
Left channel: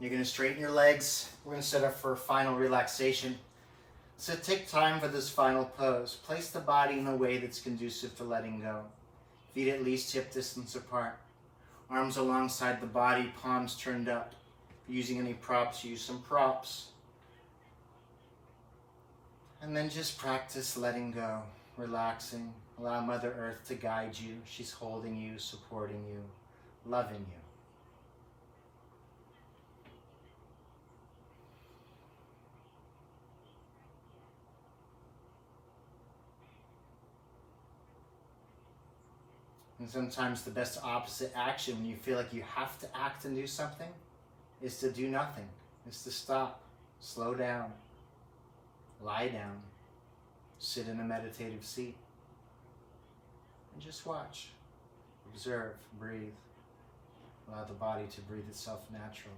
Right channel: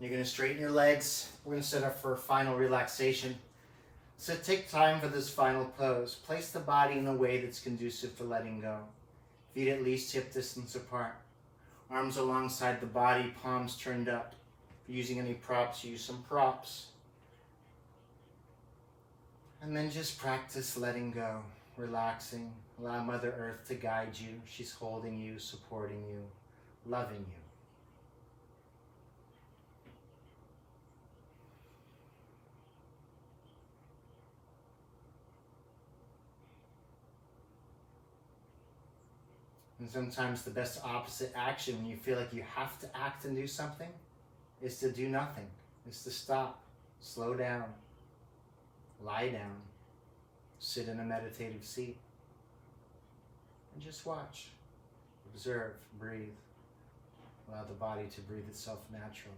You're going to straighten your legs. We're going to set up for final relaxation. So take time for this final pose. Place the body in a way that's conducive to letting go. Feet at least hip distance apart. Arms alongside the body, palms turned up. If you're using any props, use some props. And then just practice letting go, relaxing. Allow Mother Earth to guide you. She's holding you, supporting you, loving you. And sometimes the best opposite action when you feel like you have to act and do something is to do nothing, is to stop, slow down, lie down, sit in a meditative seat, and just watch, observe, breathe. Allow the body to breathe itself naturally.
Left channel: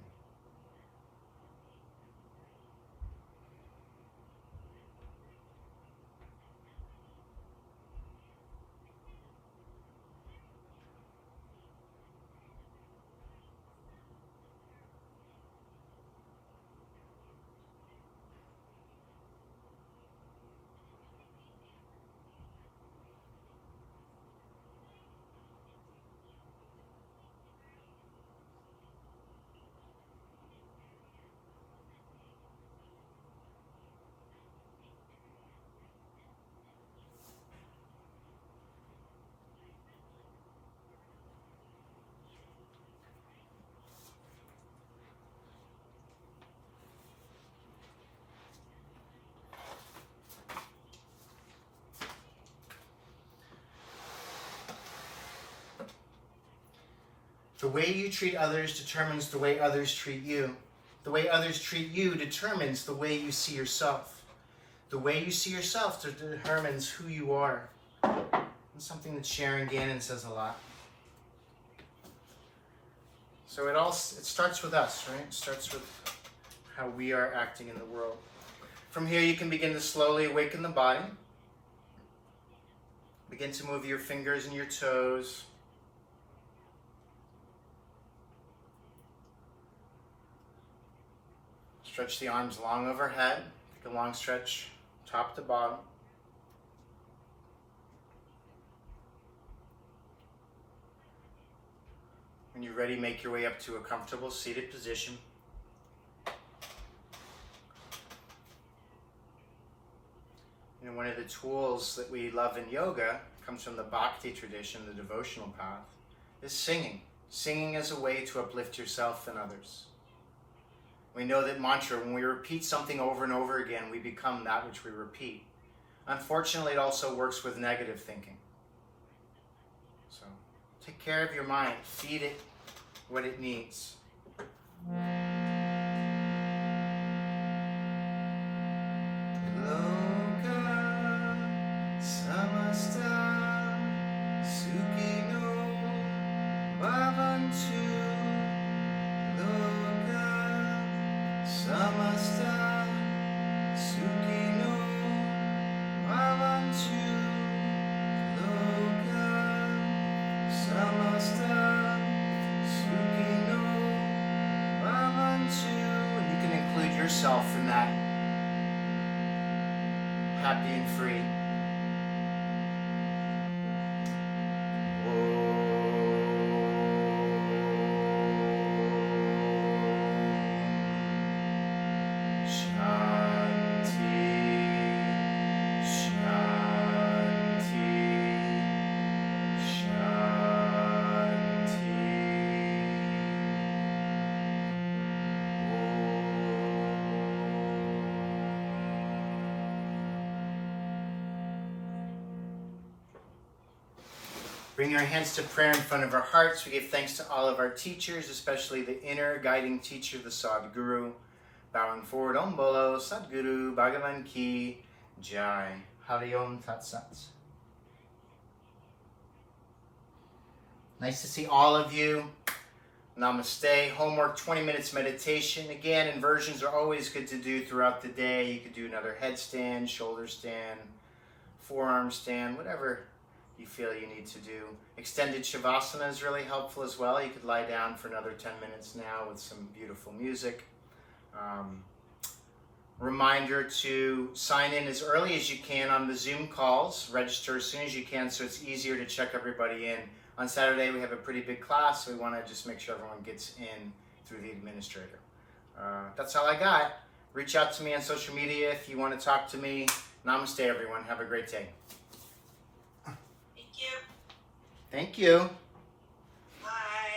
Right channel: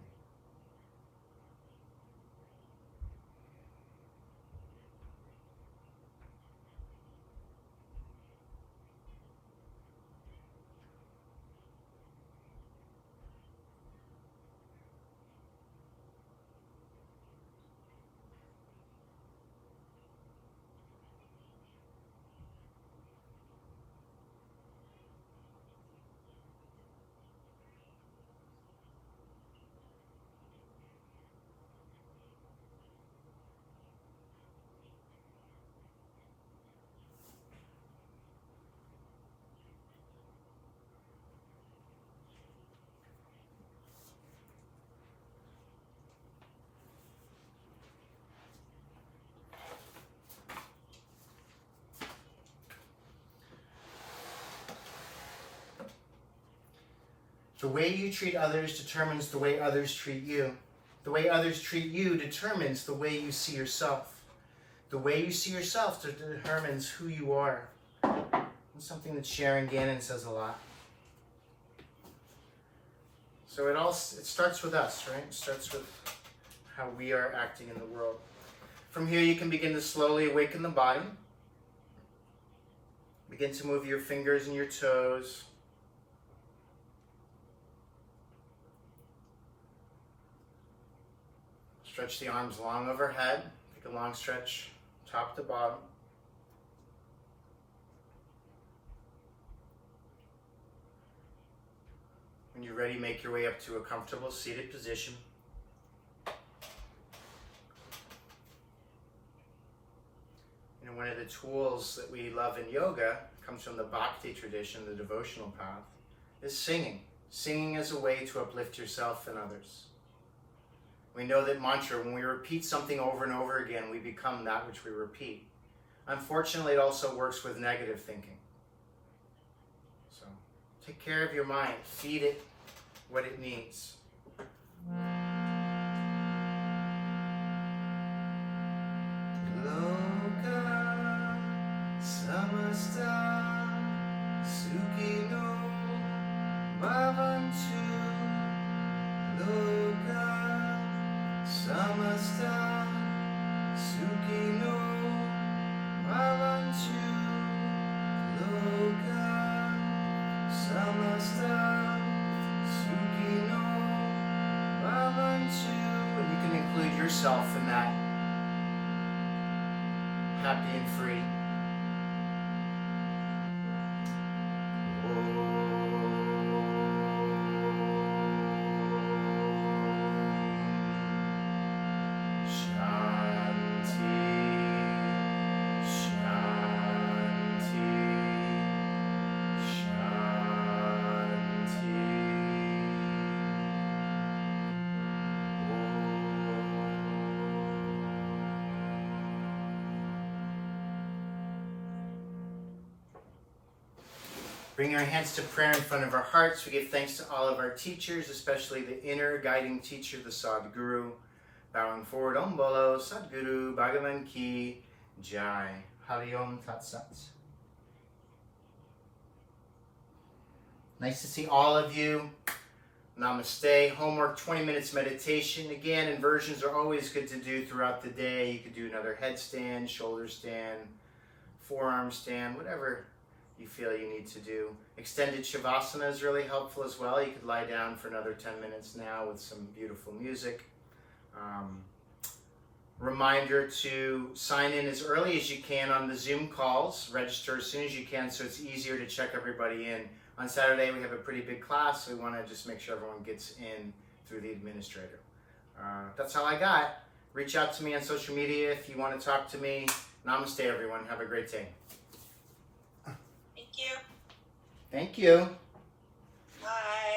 The way you treat others determines the way others treat you. The way others treat you determines the way you see yourself. The way you see yourself determines who you are. It's something that Sharon Gannon says a lot. So it starts with us, right? It starts with how we are acting in the world. From here, you can begin to slowly awaken the body. Begin to move your fingers and your toes. Stretch the arms long overhead. Take a long stretch, top to bottom. When you're ready, make your way up to a comfortable seated position. You know, one of the tools that we love in yoga comes from the Bhakti tradition, the devotional path, is singing. Singing as a way to uplift yourself and others. We know that mantra, when we repeat something over and over again, we become that which we repeat. Unfortunately, it also works with negative thinking. So, take care of your mind. Feed it what it needs. Yourself in that happy and free. Bring our hands to prayer in front of our hearts. We give thanks to all of our teachers, especially the inner guiding teacher, the Sadguru. Bowing forward, Om Bolo, Sadguru, Bhagavan Ki, Jai. Hari Om Tat Sat. Nice to see all of you. Namaste. Homework, 20 minutes meditation. Again, inversions are always good to do throughout the day. You could do another headstand, shoulder stand, forearm stand, whatever you feel you need to do. Extended Shavasana is really helpful as well. You could lie down for another 10 minutes now with some beautiful music. Reminder to sign in as early as you can on the Zoom calls. Register as soon as you can so it's easier to check everybody in. On Saturday we have a pretty big class, so we want to just make sure everyone gets in through the administrator. That's all I got. Reach out to me on social media if you want to talk to me. Namaste, everyone. Have a great day. Thank you. Thank you. Bye.